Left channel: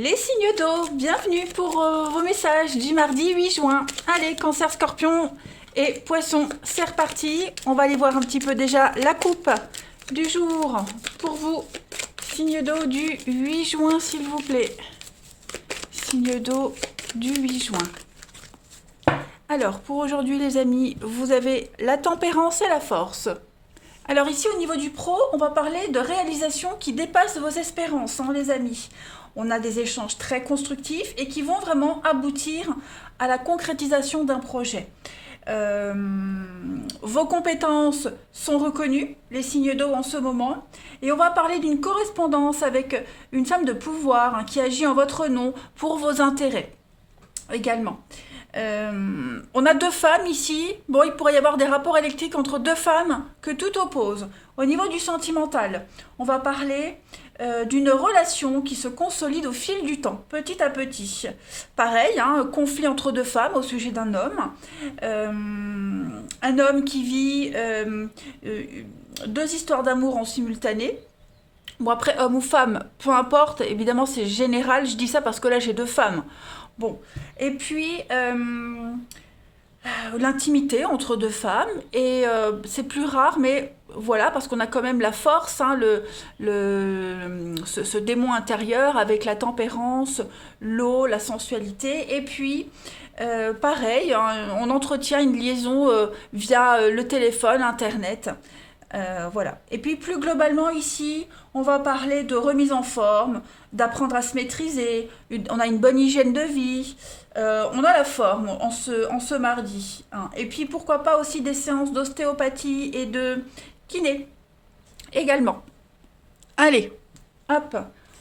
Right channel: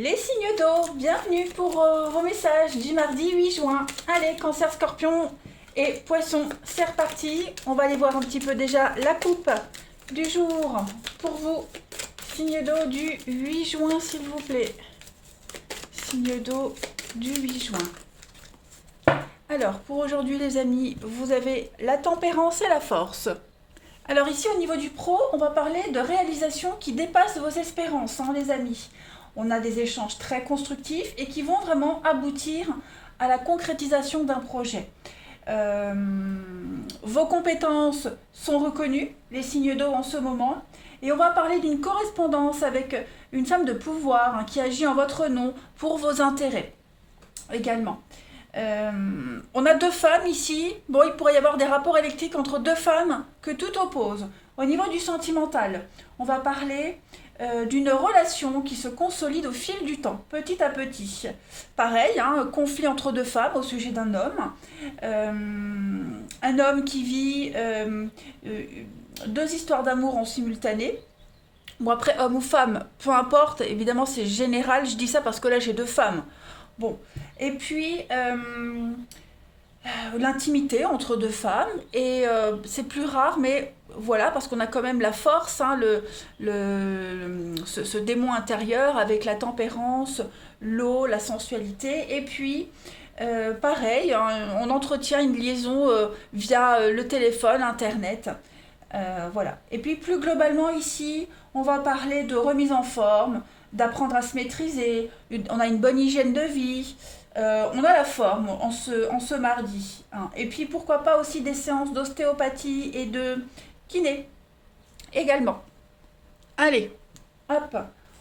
Les signes d'eau, bienvenue pour vos messages du mardi 8 juin. Allez, Cancer, Scorpion et Poisson, c'est reparti. On va aller voir un petit peu déjà la coupe du jour pour vous. Signe d'eau du 8 juin, s'il vous plaît. Signe d'eau du 8 juin. Alors, pour aujourd'hui, les amis, vous avez la tempérance et la force. Alors ici, au niveau du pro, on va parler de réalisations qui dépassent vos espérances, hein, les amis. On a des échanges très constructifs et qui vont vraiment aboutir à la concrétisation d'un projet. Vos compétences sont reconnues, les signes d'eau en ce moment. Et on va parler d'une correspondance avec une femme de pouvoir, hein, qui agit en votre nom pour vos intérêts également. On a deux femmes ici. Bon, il pourrait y avoir des rapports électriques entre deux femmes que tout oppose. Au niveau du sentimental, on va parler d'une relation qui se consolide au fil du temps, petit à petit. Pareil, hein, conflit entre deux femmes au sujet d'un homme. Un homme qui vit deux histoires d'amour en simultané. Bon, après, homme ou femme, peu importe, évidemment c'est général, je dis ça parce que là j'ai deux femmes. Bon, et puis l'intimité entre deux femmes, et c'est plus rare, mais voilà, parce qu'on a quand même la force, hein, ce démon intérieur avec la tempérance, l'eau, la sensualité, et puis pareil, hein, on entretient une liaison via le téléphone, internet. Voilà. Et puis plus globalement ici, on va parler de remise en forme, d'apprendre à se maîtriser, on a une bonne hygiène de vie, on a la forme en ce mardi, hein. Et puis pourquoi pas aussi des séances d'ostéopathie et de kiné également. Allez, hop,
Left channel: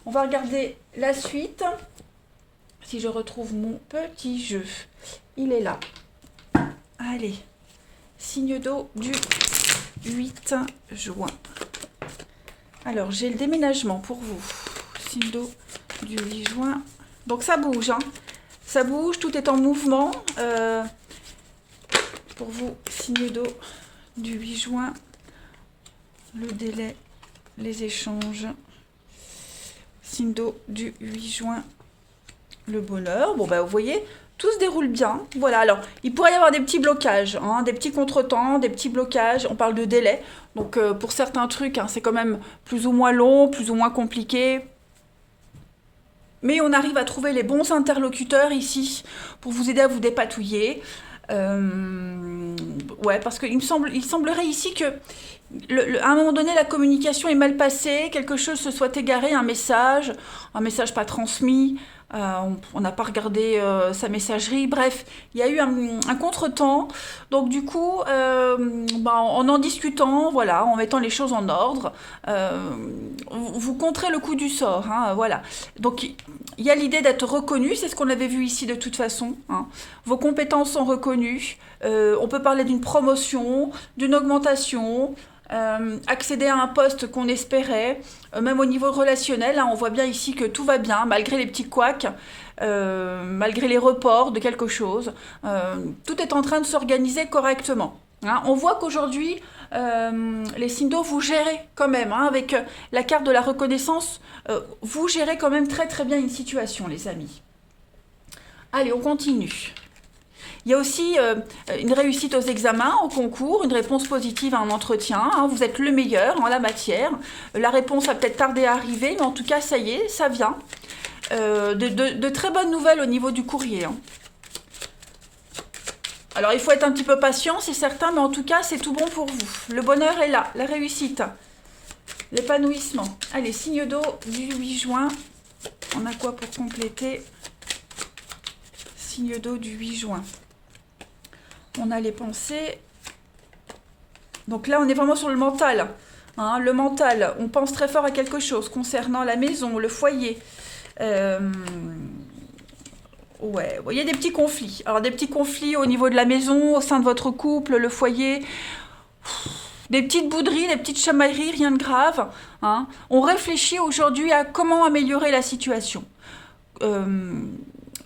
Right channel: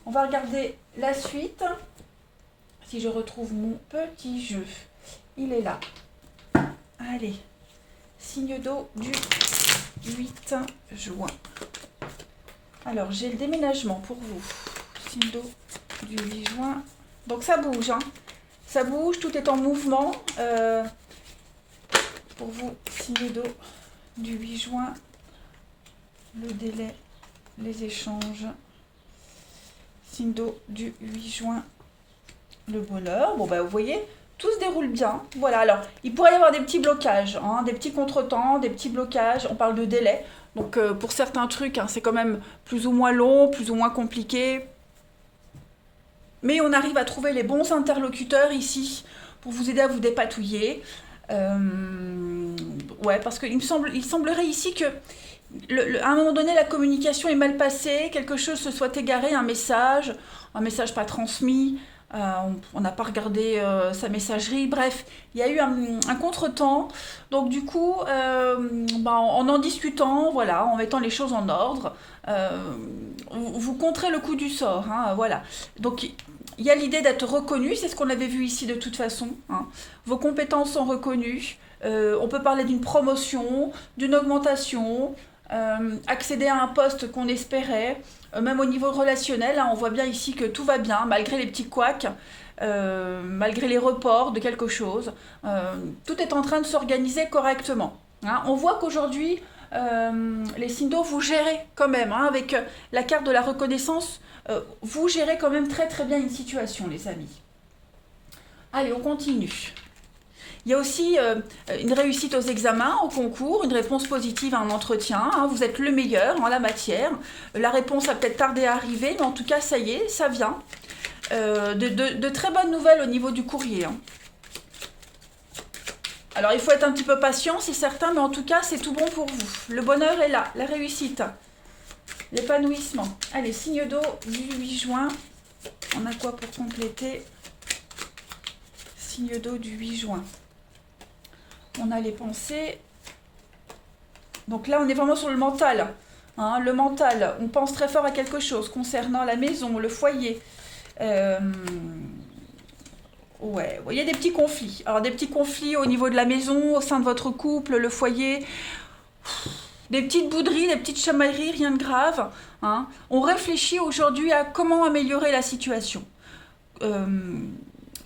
on va regarder la suite. Si je retrouve mon petit jeu, il est là. Allez, signe d'eau du 8 juin. Alors, j'ai le déménagement pour vous. Signe d'eau du 8 juin. Donc, ça bouge, hein. Ça bouge, tout est en mouvement. Pour vous, signe d'eau du 8 juin. Le délai, les échanges. Signe d'eau du 8 juin. Le bonheur. Bon, bah, vous voyez, tout se déroule bien. Voilà, alors, il pourrait y avoir des petits blocages, hein, des petits contretemps, des petits blocages. On parle de délai. Donc, pour certains trucs, hein, c'est quand même plus ou moins long, plus ou moins compliqué. Mais on arrive à trouver les bons interlocuteurs ici pour vous aider à vous dépatouiller. Ouais, parce qu'il semblerait ici que à un moment donné, la communication est mal passée, quelque chose se soit égaré, un message pas transmis, on n'a pas regardé sa messagerie, bref, il y a eu un contretemps. Donc du coup, en discutant, voilà, en mettant les choses en ordre, vous contrez le coup du sort, hein, voilà. Donc il y a l'idée d'être reconnu, c'est ce qu'on avait vu ici de toute façon, hein. Vos compétences sont reconnues, on peut parler d'une promotion, d'une augmentation, accéder à un poste qu'on espérait, même au niveau relationnel, hein, on voit bien ici que tout va bien, malgré les petits couacs, malgré les reports de quelque chose, tout est en train de s'organiser correctement, hein. On voit qu'aujourd'hui, les signes d'eau, vous gérez quand même, hein, avec la carte de la reconnaissance, vous gérez quand même très très bien une situation, les amis. Allez, on continue. Il y a aussi une réussite aux examens, au concours, une réponse positive à un entretien, hein, vous êtes le meilleur en la matière. La réponse a peut-être tardé à arriver, mais en tout cas, ça y est, ça vient. De très bonnes nouvelles au niveau du courrier, hein. Alors, il faut être un petit peu patient, c'est certain, mais en tout cas, c'est tout bon pour vous. Le bonheur est là, la réussite, l'épanouissement. Allez, signe d'eau du 8 juin. On a quoi pour compléter? Signe d'eau du 8 juin. On a les pensées. Donc là, on est vraiment sur le mental, hein, le mental, on pense très fort à quelque chose concernant la maison, le foyer. Ouais, il y a des petits conflits. Alors, des petits conflits au niveau de la maison, au sein de votre couple, le foyer. Des petites bouderies, des petites chamailleries, rien de grave, hein. On réfléchit aujourd'hui à comment améliorer la situation.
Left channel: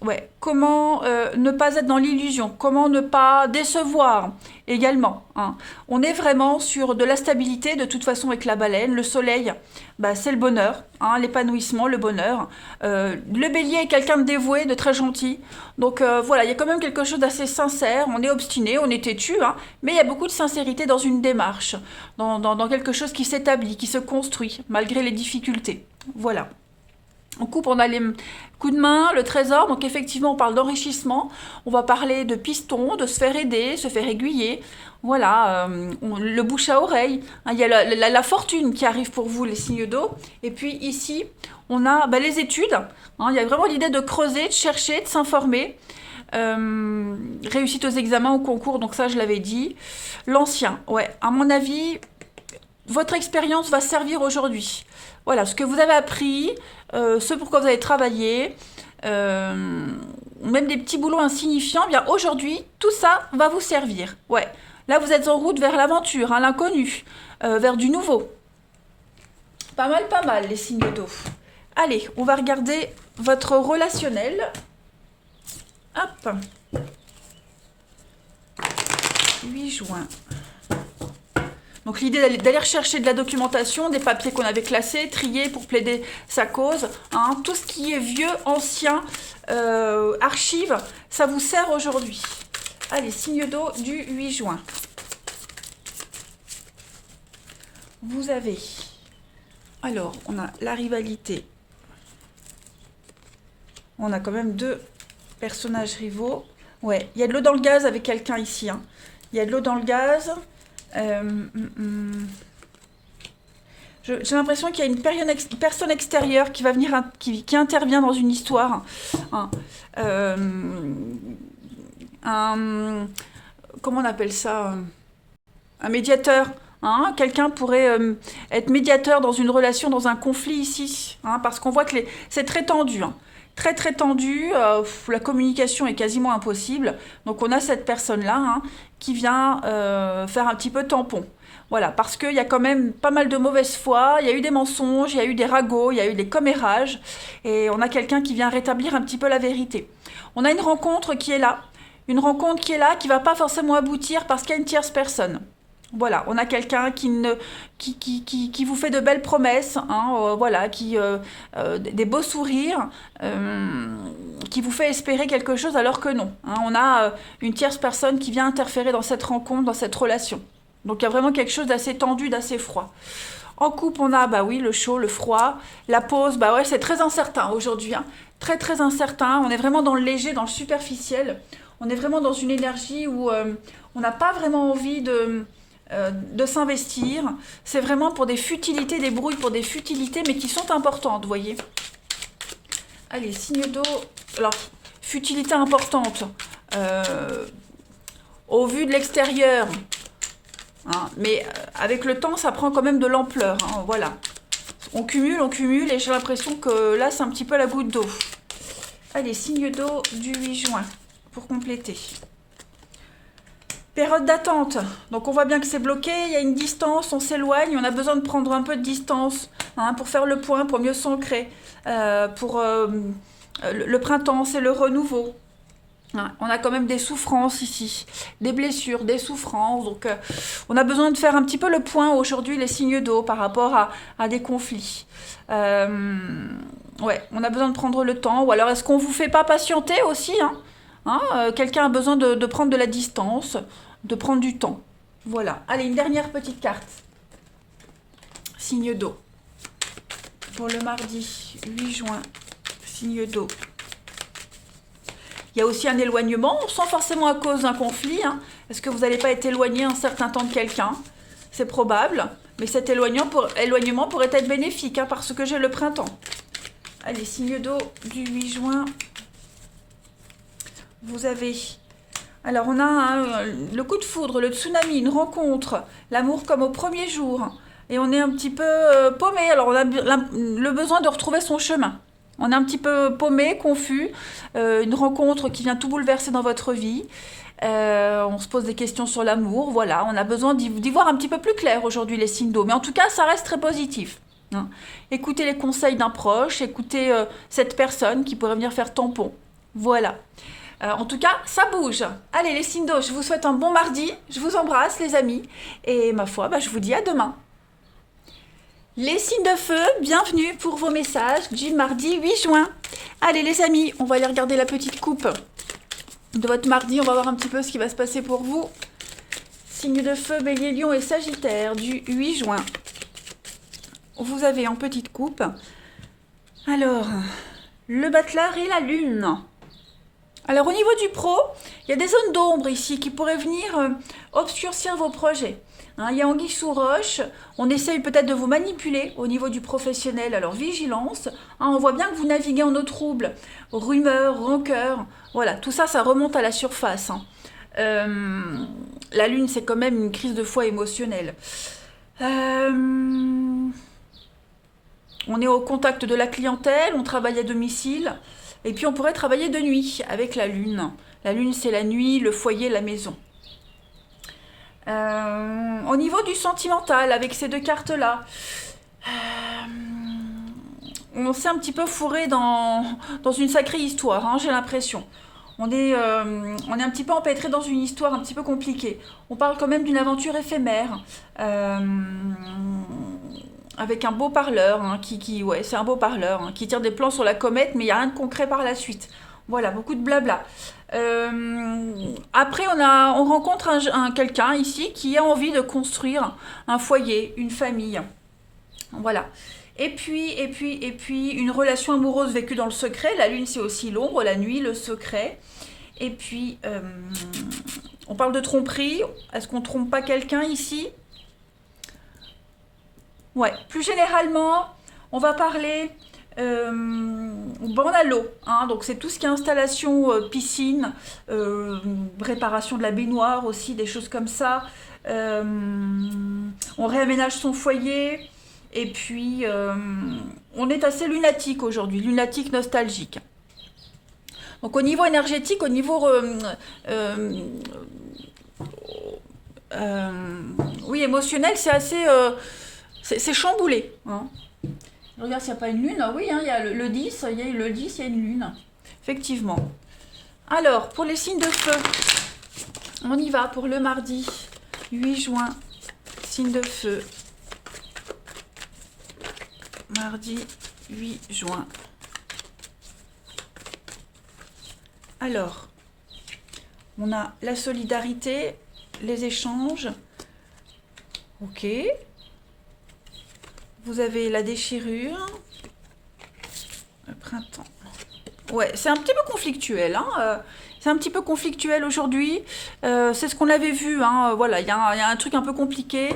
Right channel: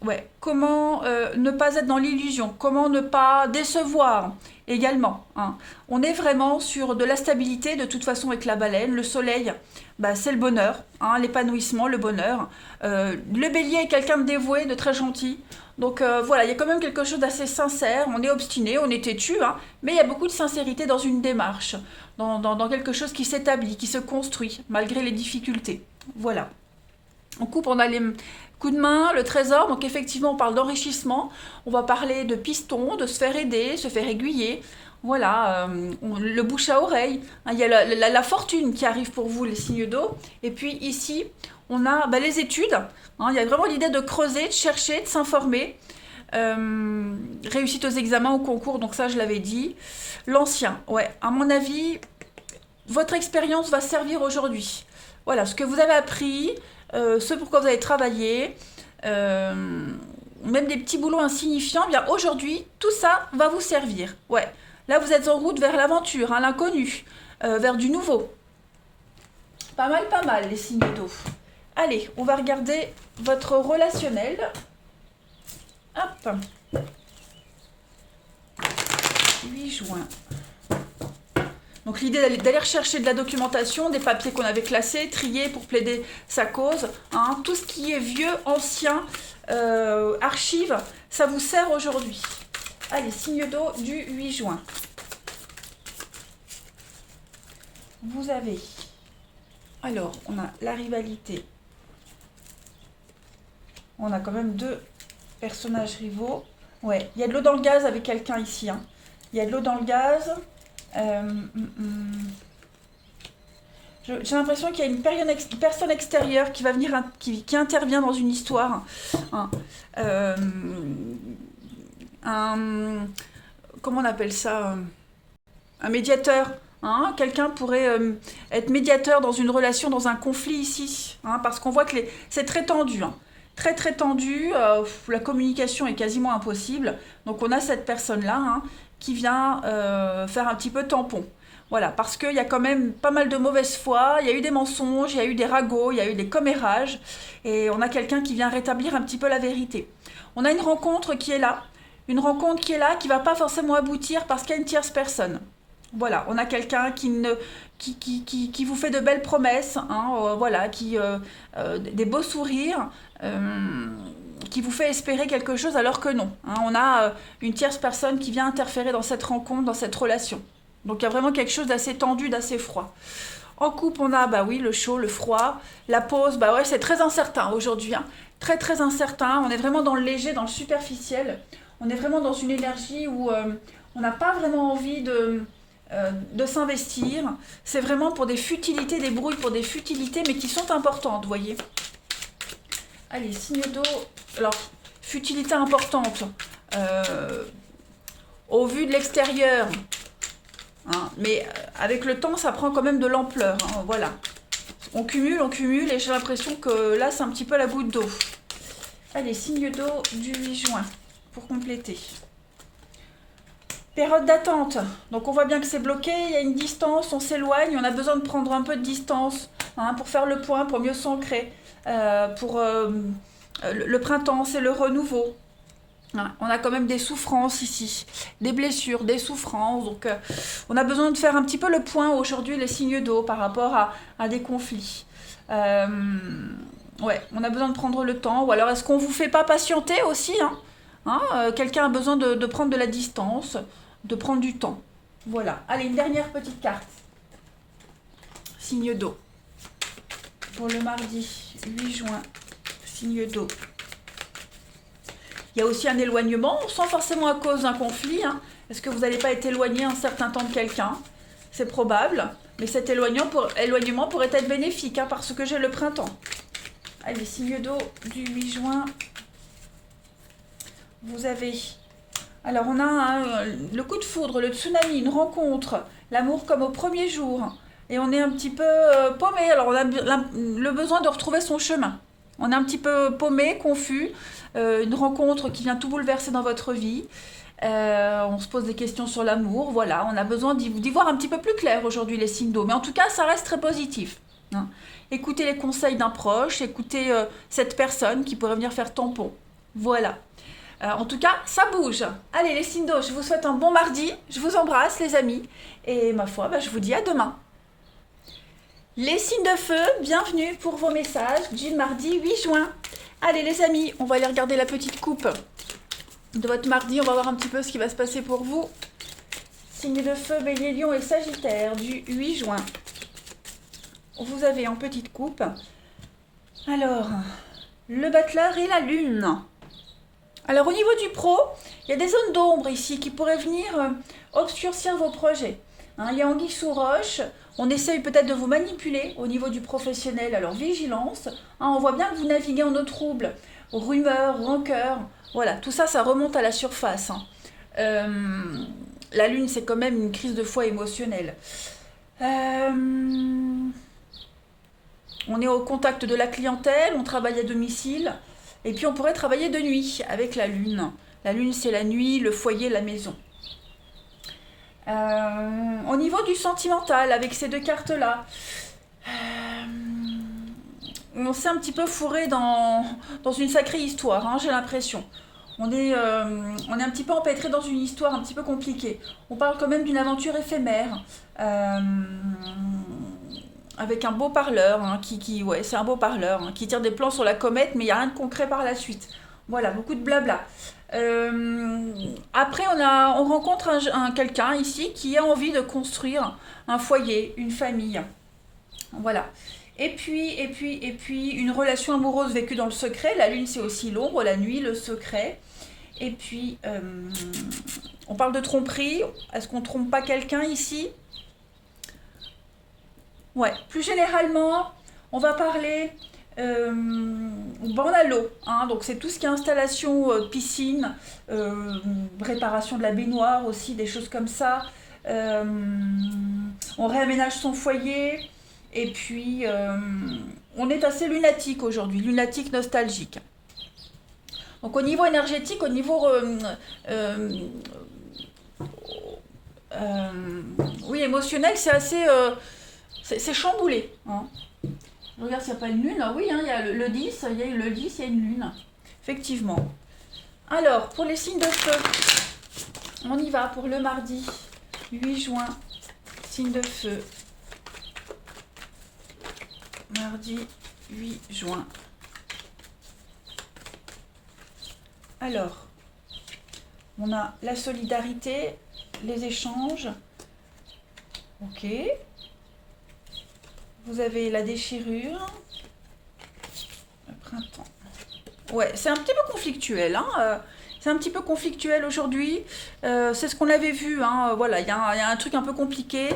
Ouais, comment ne pas être dans l'illusion, comment ne pas décevoir également, hein. On est vraiment sur de la stabilité, de toute façon avec la baleine. Le soleil, bah, c'est le bonheur, hein, l'épanouissement, le bonheur. Le bélier est quelqu'un de dévoué, de très gentil. Donc voilà, il y a quand même quelque chose d'assez sincère. On est obstiné, on est têtu, hein, mais il y a beaucoup de sincérité dans une démarche, dans quelque chose qui s'établit, qui se construit, malgré les difficultés. Voilà. En coupe, on a les coups de main, le trésor. Donc effectivement, on parle d'enrichissement. On va parler de piston, de se faire aider, se faire aiguiller. Voilà, le bouche à oreille. Hein, il y a la fortune qui arrive pour vous, les signes d'eau. Et puis ici, on a bah, les études. Hein, il y a vraiment l'idée de creuser, de chercher, de s'informer. Réussite aux examens, au concours, donc ça je l'avais dit. L'ancien, ouais, à mon avis, votre expérience va servir aujourd'hui. Voilà, ce que vous avez appris, ce pour quoi vous avez travaillé, euh, même des petits boulots insignifiants, bien aujourd'hui, tout ça va vous servir. Ouais, là vous êtes en route vers l'aventure, hein, l'inconnu, vers du nouveau. Pas mal les signes d'eau. Allez, on va regarder votre relationnel. Hop, 8 juin. Donc l'idée d'aller rechercher de la documentation, des papiers qu'on avait classés, triés pour plaider sa cause, hein, tout ce qui est vieux, ancien, archives, ça vous sert aujourd'hui. Allez, signe d'eau du 8 juin. Vous avez, alors on a la rivalité, on a quand même deux personnages rivaux. Ouais, il y a de l'eau dans le gaz avec quelqu'un ici, hein. Il y a de l'eau dans le gaz. Euh, hum, hum. J'ai l'impression qu'il y a une personne extérieure qui va venir, qui intervient dans une histoire, hein. Euh, un, comment on appelle ça? Un médiateur. Hein. Quelqu'un pourrait être médiateur dans une relation, dans un conflit ici, hein, parce qu'on voit que c'est très tendu, hein. Très très tendu, la communication est quasiment impossible. Donc on a cette personne-là, hein, qui vient faire un petit peu tampon. Voilà, parce qu'il y a quand même pas mal de mauvaise foi, il y a eu des mensonges, il y a eu des ragots, il y a eu des commérages, et on a quelqu'un qui vient rétablir un petit peu la vérité. On a une rencontre qui est là, qui va pas forcément aboutir parce qu'il y a une tierce personne. Voilà, on a quelqu'un qui vous fait de belles promesses, hein, voilà, des beaux sourires, qui vous fait espérer quelque chose alors que non, hein. On a une tierce personne qui vient interférer dans cette rencontre, dans cette relation. Donc il y a vraiment quelque chose d'assez tendu, d'assez froid. En couple, on a, bah oui, le chaud, le froid, la pause, bah ouais, c'est très incertain aujourd'hui, hein. Très très incertain. On est vraiment dans le léger, dans le superficiel. On est vraiment dans une énergie où on n'a pas vraiment envie de s'investir. C'est vraiment pour des futilités, des brouilles pour des futilités, mais qui sont importantes, vous voyez. Allez, signe d'eau. Alors, futilité importante. Euh, Au vu de l'extérieur, hein, mais avec le temps, ça prend quand même de l'ampleur, hein, voilà. On cumule, et j'ai l'impression que là, c'est un petit peu la goutte d'eau. Allez, signe d'eau du 8 juin, pour compléter. Période d'attente. Donc on voit bien que c'est bloqué, il y a une distance, on s'éloigne, on a besoin de prendre un peu de distance, hein, pour faire le point, pour mieux s'ancrer. Le printemps, c'est le renouveau. Hein, on a quand même des souffrances ici, des blessures, des souffrances. Donc on a besoin de faire un petit peu le point aujourd'hui, les signes d'eau, par rapport à des conflits. Euh, ouais, on a besoin de prendre le temps. Ou alors est-ce qu'on vous fait pas patienter aussi, hein? Hein, quelqu'un a besoin de prendre de la distance, de prendre du temps. Voilà. Allez, une dernière petite carte. Signe d'eau. Pour le mardi 8 juin. Signe d'eau. Il y a aussi un éloignement, sans forcément à cause d'un conflit, hein. Est-ce que vous n'allez pas être éloigné un certain temps de quelqu'un? C'est probable. Mais cet éloignement pourrait être bénéfique, hein, parce que j'ai le printemps. Allez, signe d'eau du 8 juin. Vous avez... Alors on a le coup de foudre, le tsunami, une rencontre, l'amour comme au premier jour. Et on est un petit peu paumé. Alors on a le besoin de retrouver son chemin. On est un petit peu paumé, confus. Une rencontre qui vient tout bouleverser dans votre vie. On se pose des questions sur l'amour. Voilà, on a besoin d'y voir un petit peu plus clair aujourd'hui, les signes d'eau. Mais en tout cas, ça reste très positif, hein. Écoutez les conseils d'un proche, écoutez cette personne qui pourrait venir faire tampon. Voilà. En tout cas, ça bouge. Allez, les signes d'eau, je vous souhaite un bon mardi. Je vous embrasse, les amis. Et ma foi, je vous dis à demain. Les signes de feu, bienvenue pour vos messages du mardi 8 juin. Allez, les amis, on va aller regarder la petite coupe de votre mardi. On va voir un petit peu ce qui va se passer pour vous. Signes de feu, Bélier, Lion et Sagittaire du 8 juin. Vous avez en petite coupe. Alors, le battleur et la lune. Alors au niveau du pro, il y a des zones d'ombre ici qui pourraient venir obscurcir vos projets. Hein, il y a anguille sous roche, on essaye peut-être de vous manipuler au niveau du professionnel, alors vigilance. Hein, on voit bien que vous naviguez en eau trouble, rumeurs, rancœur, voilà, tout ça, ça remonte à la surface. Hein. La lune, c'est quand même une crise de foi émotionnelle. On est au contact de la clientèle, on travaille à domicile. Et puis on pourrait travailler de nuit avec la lune. La lune, c'est la nuit, le foyer, la maison. Au niveau du sentimental, avec ces deux cartes-là, on s'est un petit peu fourré dans une sacrée histoire, hein, j'ai l'impression. On est un petit peu empêtré dans une histoire un petit peu compliquée. On parle quand même d'une aventure éphémère. Avec un beau parleur, hein, ouais, c'est un beau parleur, hein, qui tire des plans sur la comète, mais il n'y a rien de concret par la suite. Voilà, beaucoup de blabla. Après, on rencontre quelqu'un ici qui a envie de construire un foyer, une famille. Voilà. Et puis, une relation amoureuse vécue dans le secret. La lune, c'est aussi l'ombre, la nuit, le secret. Et puis, on parle de tromperie. Est-ce qu'on trompe pas quelqu'un ici? Ouais, plus généralement, on va parler. On a l'eau, hein, donc c'est tout ce qui est installation, piscine, réparation de la baignoire aussi, des choses comme ça. Euh, on réaménage son foyer, et puis on est assez lunatique aujourd'hui, lunatique nostalgique. Donc au niveau énergétique, au niveau euh, oui, émotionnel, c'est assez c'est chamboulé. Hein. Je regarde s'il n'y a pas une lune. Ah oui, hein, il y a le 10, il y a le 10, il y a une lune. Effectivement. Alors, pour les signes de feu, on y va pour le mardi 8 juin. Signe de feu. Mardi 8 juin. Alors, on a la solidarité, les échanges. Ok. Vous avez la déchirure. Le printemps. Ouais, c'est un petit peu conflictuel. Hein, c'est un petit peu conflictuel aujourd'hui. C'est ce qu'on avait vu. Hein, voilà, il y a un truc un peu compliqué.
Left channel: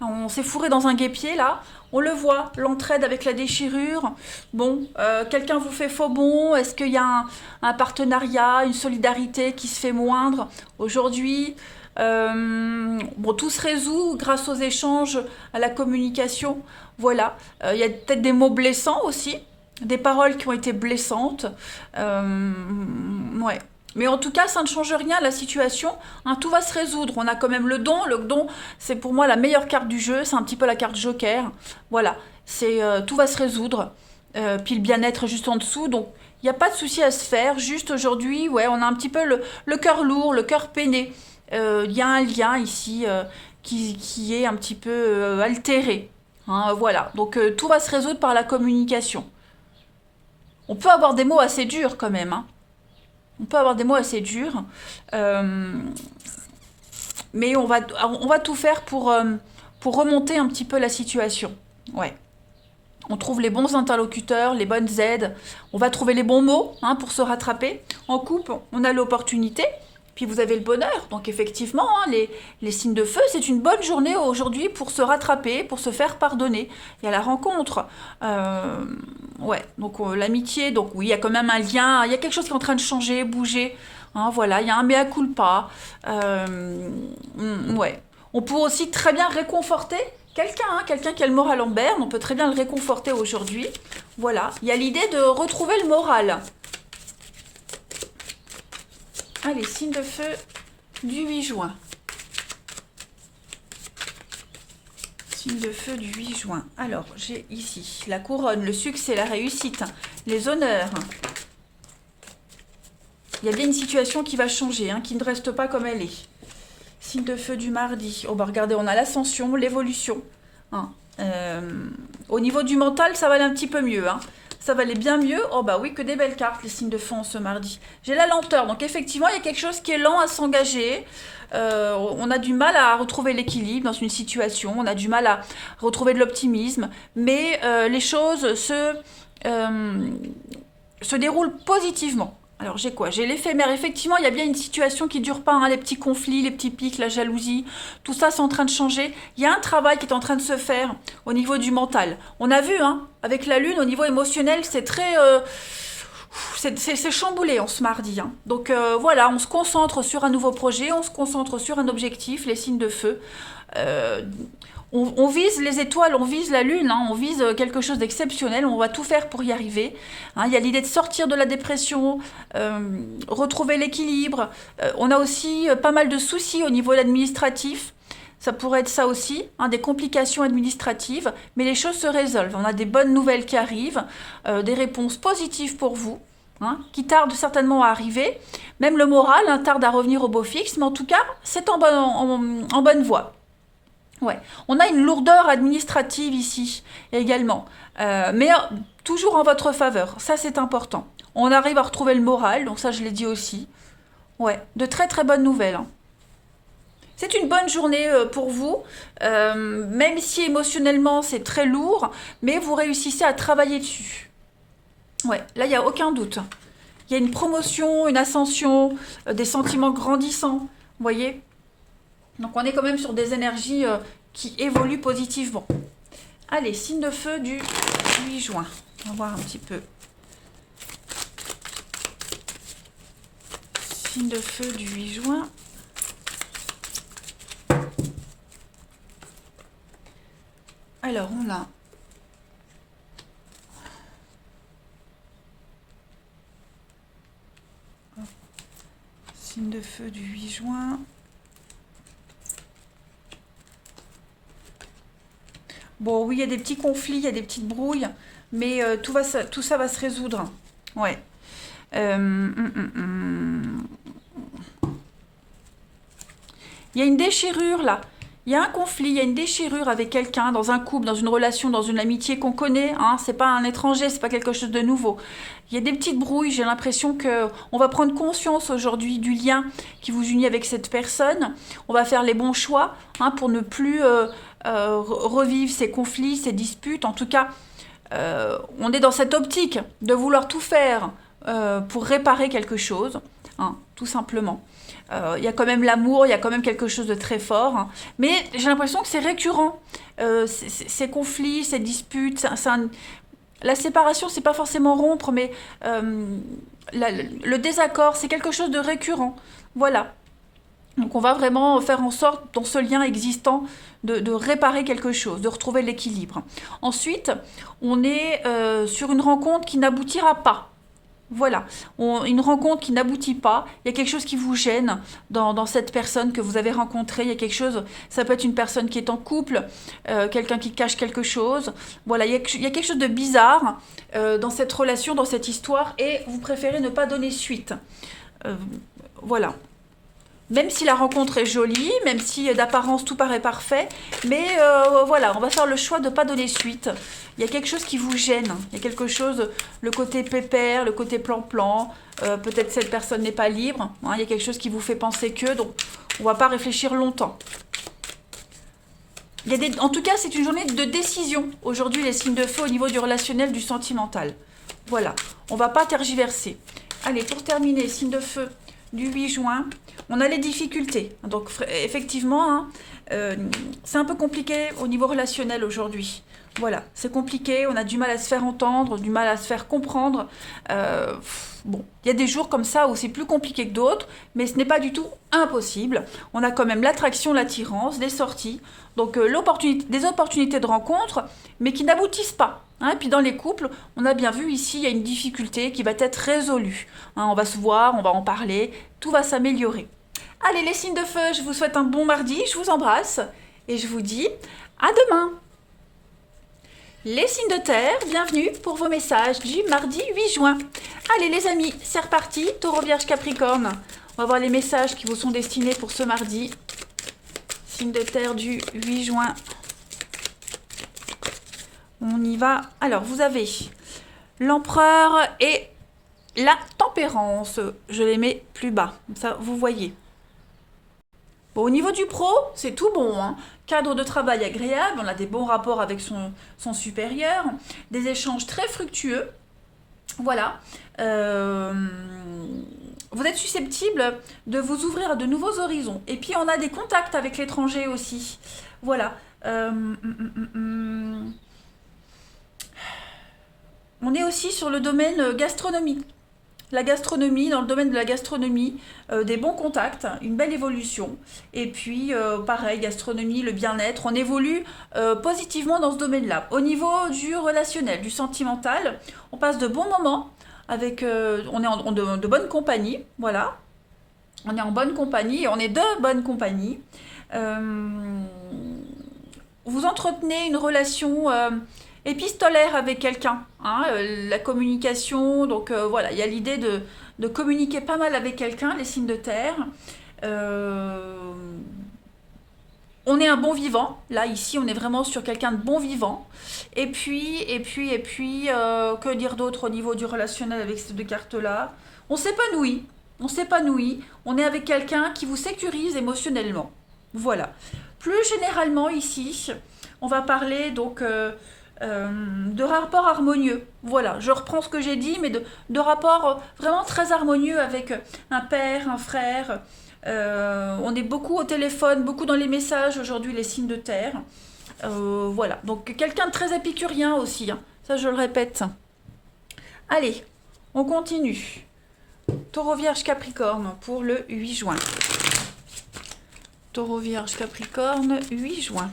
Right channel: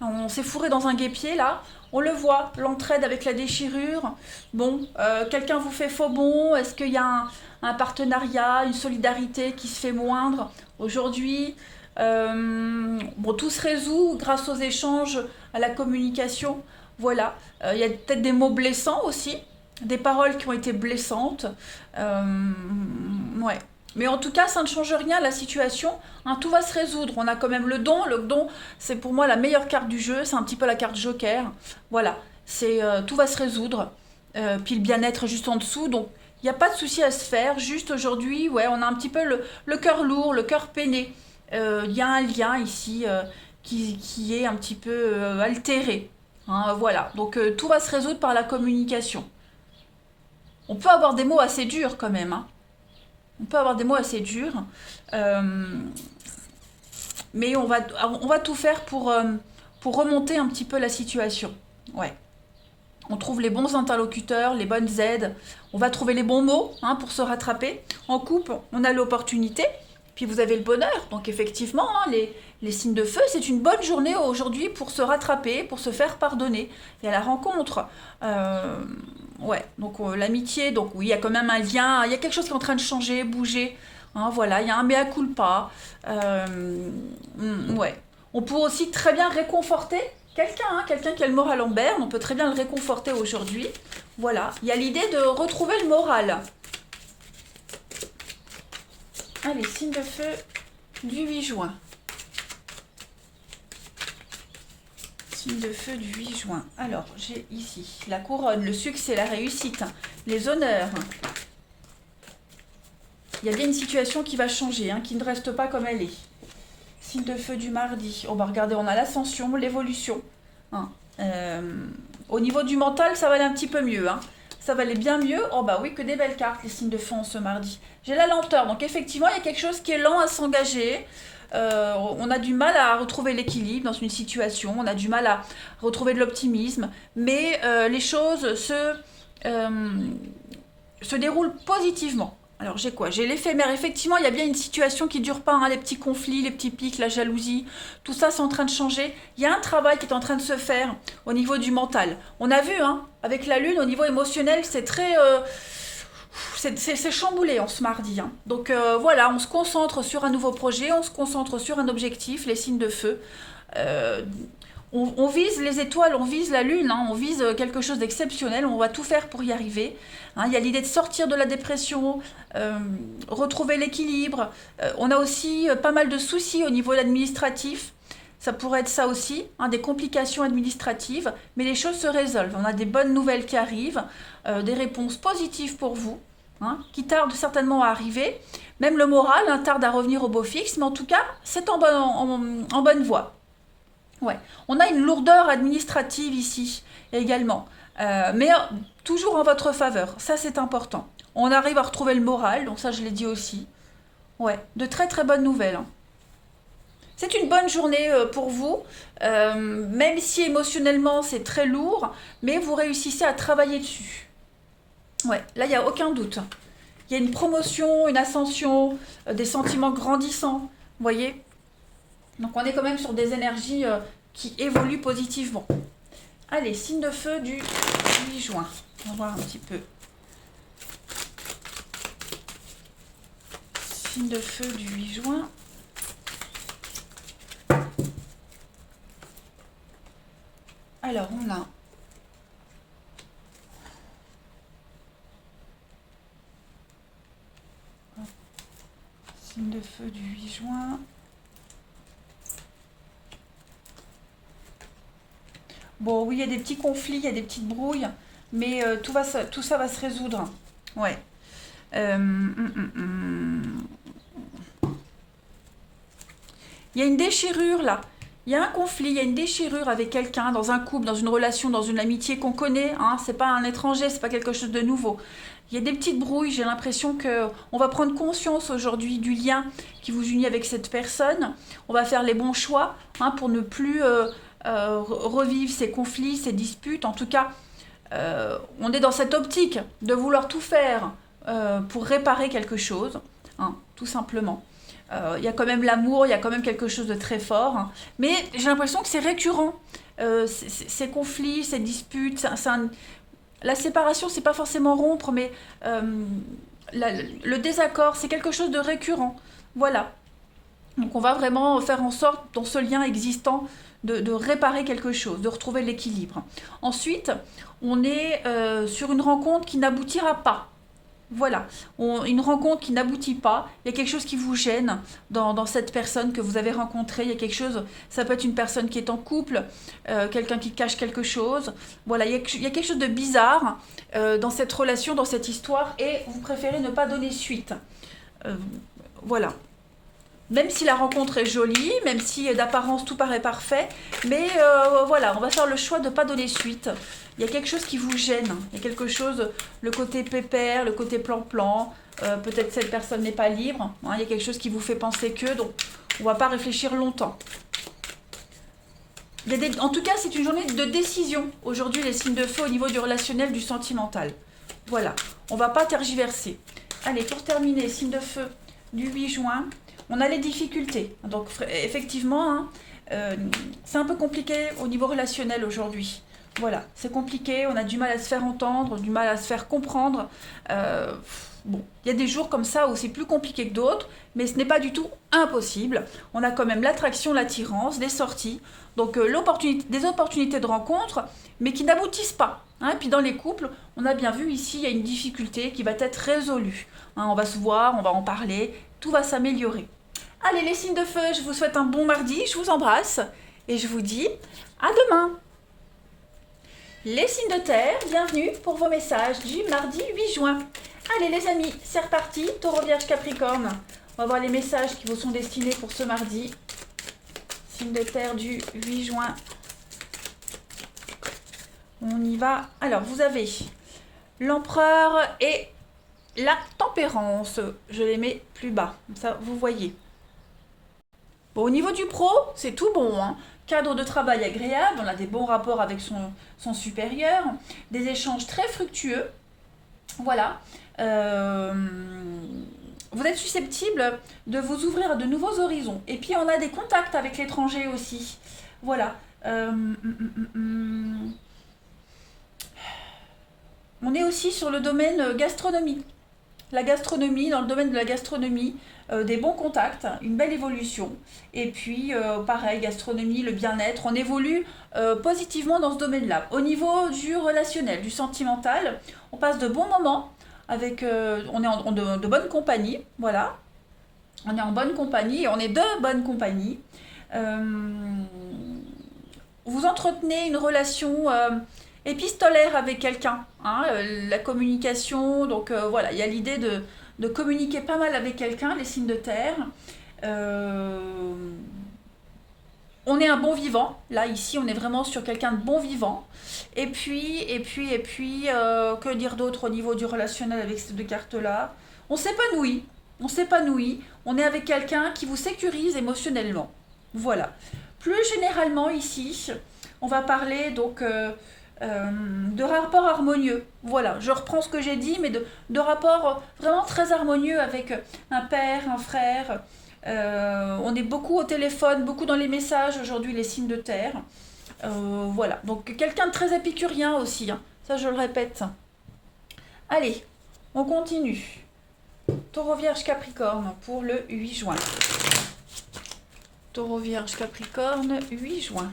On s'est fourré dans un guêpier là. On le voit, l'entraide avec la déchirure. Bon, quelqu'un vous fait faux bon. Est-ce qu'il y a un partenariat, une solidarité qui se fait moindre aujourd'hui? Bon, tout se résout grâce aux échanges, à la communication. Voilà. Il y a peut-être des mots blessants aussi, des paroles qui ont été blessantes. Ouais. Mais en tout cas, ça ne change rien à la situation. Hein, tout va se résoudre. On a quand même le don. Le don, c'est pour moi la meilleure carte du jeu. C'est un petit peu la carte Joker. Voilà. Tout va se résoudre. Puis le bien-être juste en dessous. Donc, il n'y a pas de souci à se faire. Juste aujourd'hui, ouais, on a un petit peu le cœur lourd, le cœur peiné. Il y a un lien ici qui est un petit peu altéré. Hein, voilà. Donc, tout va se résoudre par la communication. On peut avoir des mots assez durs quand même. Hein. On peut avoir des mots assez durs. Euh, mais on va tout faire pour remonter un petit peu la situation. Ouais. On trouve les bons interlocuteurs, les bonnes aides. On va trouver les bons mots, hein, pour se rattraper. En couple, on a l'opportunité. Puis vous avez le bonheur. Donc effectivement, hein, les signes de feu, c'est une bonne journée aujourd'hui pour se rattraper, pour se faire pardonner. Il y a la rencontre. Euh, ouais, donc l'amitié, donc oui, il y a quand même un lien, il y a quelque chose qui est en train de changer, bouger. Hein, voilà, il y a un mea culpa. Ouais. On peut aussi très bien réconforter quelqu'un, hein, quelqu'un qui a le moral en berne, on peut très bien le réconforter aujourd'hui. Voilà, il y a l'idée de retrouver le moral. Allez, signe de feu du 8 juin. Signe de feu du 8 juin. Alors, j'ai ici la couronne, le succès, la réussite, les honneurs. Il y a bien une situation qui va changer, hein, qui ne reste pas comme elle est. Signe de feu du mardi. On va regarder, on a l'ascension, l'évolution. Hein. Euh, Au niveau du mental, ça va aller un petit peu mieux. Hein. Ça va aller bien mieux. Oh bah oui, que des belles cartes, les signes de feu en ce mardi. J'ai la lenteur, donc effectivement, il y a quelque chose qui est lent à s'engager. On a du mal à retrouver l'équilibre dans une situation, on a du mal à retrouver de l'optimisme, mais les choses se déroulent positivement. Alors j'ai quoi? J'ai l'éphémère. Effectivement, il y a bien une situation qui ne dure pas, hein, les petits conflits, les petits pics, la jalousie, tout ça c'est en train de changer. Il y a un travail qui est en train de se faire au niveau du mental. On a vu, hein, avec la lune, au niveau émotionnel, c'est très... c'est chamboulé en ce mardi. Hein. Donc voilà, on se concentre sur un nouveau projet, on se concentre sur un objectif, les signes de feu. Euh, on vise les étoiles, on vise la lune, hein, on vise quelque chose d'exceptionnel, on va tout faire pour y arriver. Hein. Il y a l'idée de sortir de la dépression, retrouver l'équilibre. On a aussi pas mal de soucis au niveau administratif. Ça pourrait être ça aussi, hein, des complications administratives, mais les choses se résolvent. On a des bonnes nouvelles qui arrivent, des réponses positives pour vous, hein, qui tardent certainement à arriver. Même le moral, hein, tarde à revenir au beau fixe, mais en tout cas, c'est en bonne voie. Ouais. On a une lourdeur administrative ici également, mais toujours en votre faveur. Ça, c'est important. On arrive à retrouver le moral, donc ça, je l'ai dit aussi. Ouais, de très très bonnes nouvelles. Hein. C'est une bonne journée pour vous, même si émotionnellement c'est très lourd, mais vous réussissez à travailler dessus. Ouais, là, il n'y a aucun doute. Il y a une promotion, une ascension, des sentiments grandissants, vous voyez? Donc on est quand même sur des énergies qui évoluent positivement. Allez, signe de feu du 8 juin. On va voir un petit peu. Signe de feu du 8 juin. Alors on a signe de feu du 8 juin. Bon, oui, il y a des petits conflits, il y a des petites brouilles, mais tout ça va se résoudre. Ouais. Il y a une déchirure là. Il y a un conflit, il y a une déchirure avec quelqu'un, dans un couple, dans une relation, dans une amitié qu'on connaît. Hein, c'est pas un étranger, c'est pas quelque chose de nouveau. Il y a des petites brouilles. J'ai l'impression que on va prendre conscience aujourd'hui du lien qui vous unit avec cette personne. On va faire les bons choix, hein, pour ne plus revivre ces conflits, ces disputes. En tout cas, on est dans cette optique de vouloir tout faire pour réparer quelque chose, hein, tout simplement. Il y a quand même l'amour, il y a quand même quelque chose de très fort, hein. Mais j'ai l'impression que c'est récurrent. Ces conflits, ces disputes, la séparation, c'est pas forcément rompre, mais le désaccord, c'est quelque chose de récurrent. Voilà. Donc on va vraiment faire en sorte, dans ce lien existant, de réparer quelque chose, de retrouver l'équilibre. Ensuite, on est sur une rencontre qui n'aboutira pas. Voilà, une rencontre qui n'aboutit pas, il y a quelque chose qui vous gêne dans cette personne que vous avez rencontrée, il y a quelque chose, ça peut être une personne qui est en couple, quelqu'un qui cache quelque chose, voilà, il y a quelque chose de bizarre dans cette relation, dans cette histoire, et vous préférez ne pas donner suite. Euh, voilà. Même si la rencontre est jolie, même si d'apparence tout paraît parfait, mais voilà, on va faire le choix de ne pas donner suite. Il y a quelque chose qui vous gêne, il y a quelque chose, le côté pépère, le côté plan-plan, peut-être cette personne n'est pas libre, hein, il y a quelque chose qui vous fait penser que, donc on ne va pas réfléchir longtemps. En tout cas, c'est une journée de décision. Aujourd'hui, les signes de feu au niveau du relationnel, du sentimental. Voilà, on ne va pas tergiverser. Allez, pour terminer, signe de feu du 8 juin, on a les difficultés. Donc effectivement, hein, c'est un peu compliqué au niveau relationnel aujourd'hui. Voilà, c'est compliqué, on a du mal à se faire entendre, du mal à se faire comprendre. Bon, il y a des jours comme ça où c'est plus compliqué que d'autres, mais ce n'est pas du tout impossible. On a quand même l'attraction, l'attirance, des sorties, donc des opportunités de rencontre, mais qui n'aboutissent pas. Hein. Et puis dans les couples, on a bien vu ici, il y a une difficulté qui va être résolue. Hein, on va se voir, on va en parler, tout va s'améliorer. Allez, les signes de feu, je vous souhaite un bon mardi, je vous embrasse et je vous dis à demain. Les signes de terre, bienvenue pour vos messages du mardi 8 juin. Allez les amis, c'est reparti, Taureau, Vierge, Capricorne. On va voir les messages qui vous sont destinés pour ce mardi. Signe de terre du 8 juin. On y va. Alors, vous avez l'empereur et la tempérance. Je les mets plus bas, comme ça vous voyez. Bon, au niveau du pro, c'est tout bon, hein. Cadre de travail agréable, on a des bons rapports avec son supérieur, des échanges très fructueux. Voilà. Vous êtes susceptible de vous ouvrir à de nouveaux horizons. Et puis, on a des contacts avec l'étranger aussi. Voilà. On est aussi sur le domaine gastronomie. La gastronomie, dans le domaine de la gastronomie, des bons contacts, une belle évolution. Et puis, pareil, gastronomie, le bien-être, on évolue positivement dans ce domaine-là. Au niveau du relationnel, du sentimental, on passe de bons moments, avec, on est de bonne compagnie, voilà. On est en bonne compagnie, et on est de bonne compagnie. Vous entretenez une relation épistolaire avec quelqu'un, hein, la communication, donc voilà, il y a l'idée de communiquer pas mal avec quelqu'un, les signes de terre. Euh, on est un bon vivant, là ici on est vraiment sur quelqu'un de bon vivant. Que dire d'autre au niveau du relationnel avec ces deux cartes-là? On s'épanouit, on est avec quelqu'un qui vous sécurise émotionnellement. Voilà. Plus généralement ici, on va parler donc de rapports harmonieux. Voilà, je reprends ce que j'ai dit, mais de rapports vraiment très harmonieux avec un père, un frère. On est beaucoup au téléphone, beaucoup dans les messages aujourd'hui, les signes de terre. Voilà, donc quelqu'un de très épicurien aussi, hein. Ça je le répète. Allez, on continue. Taureau, Vierge, Capricorne pour le 8 juin. Taureau, Vierge, Capricorne, 8 juin.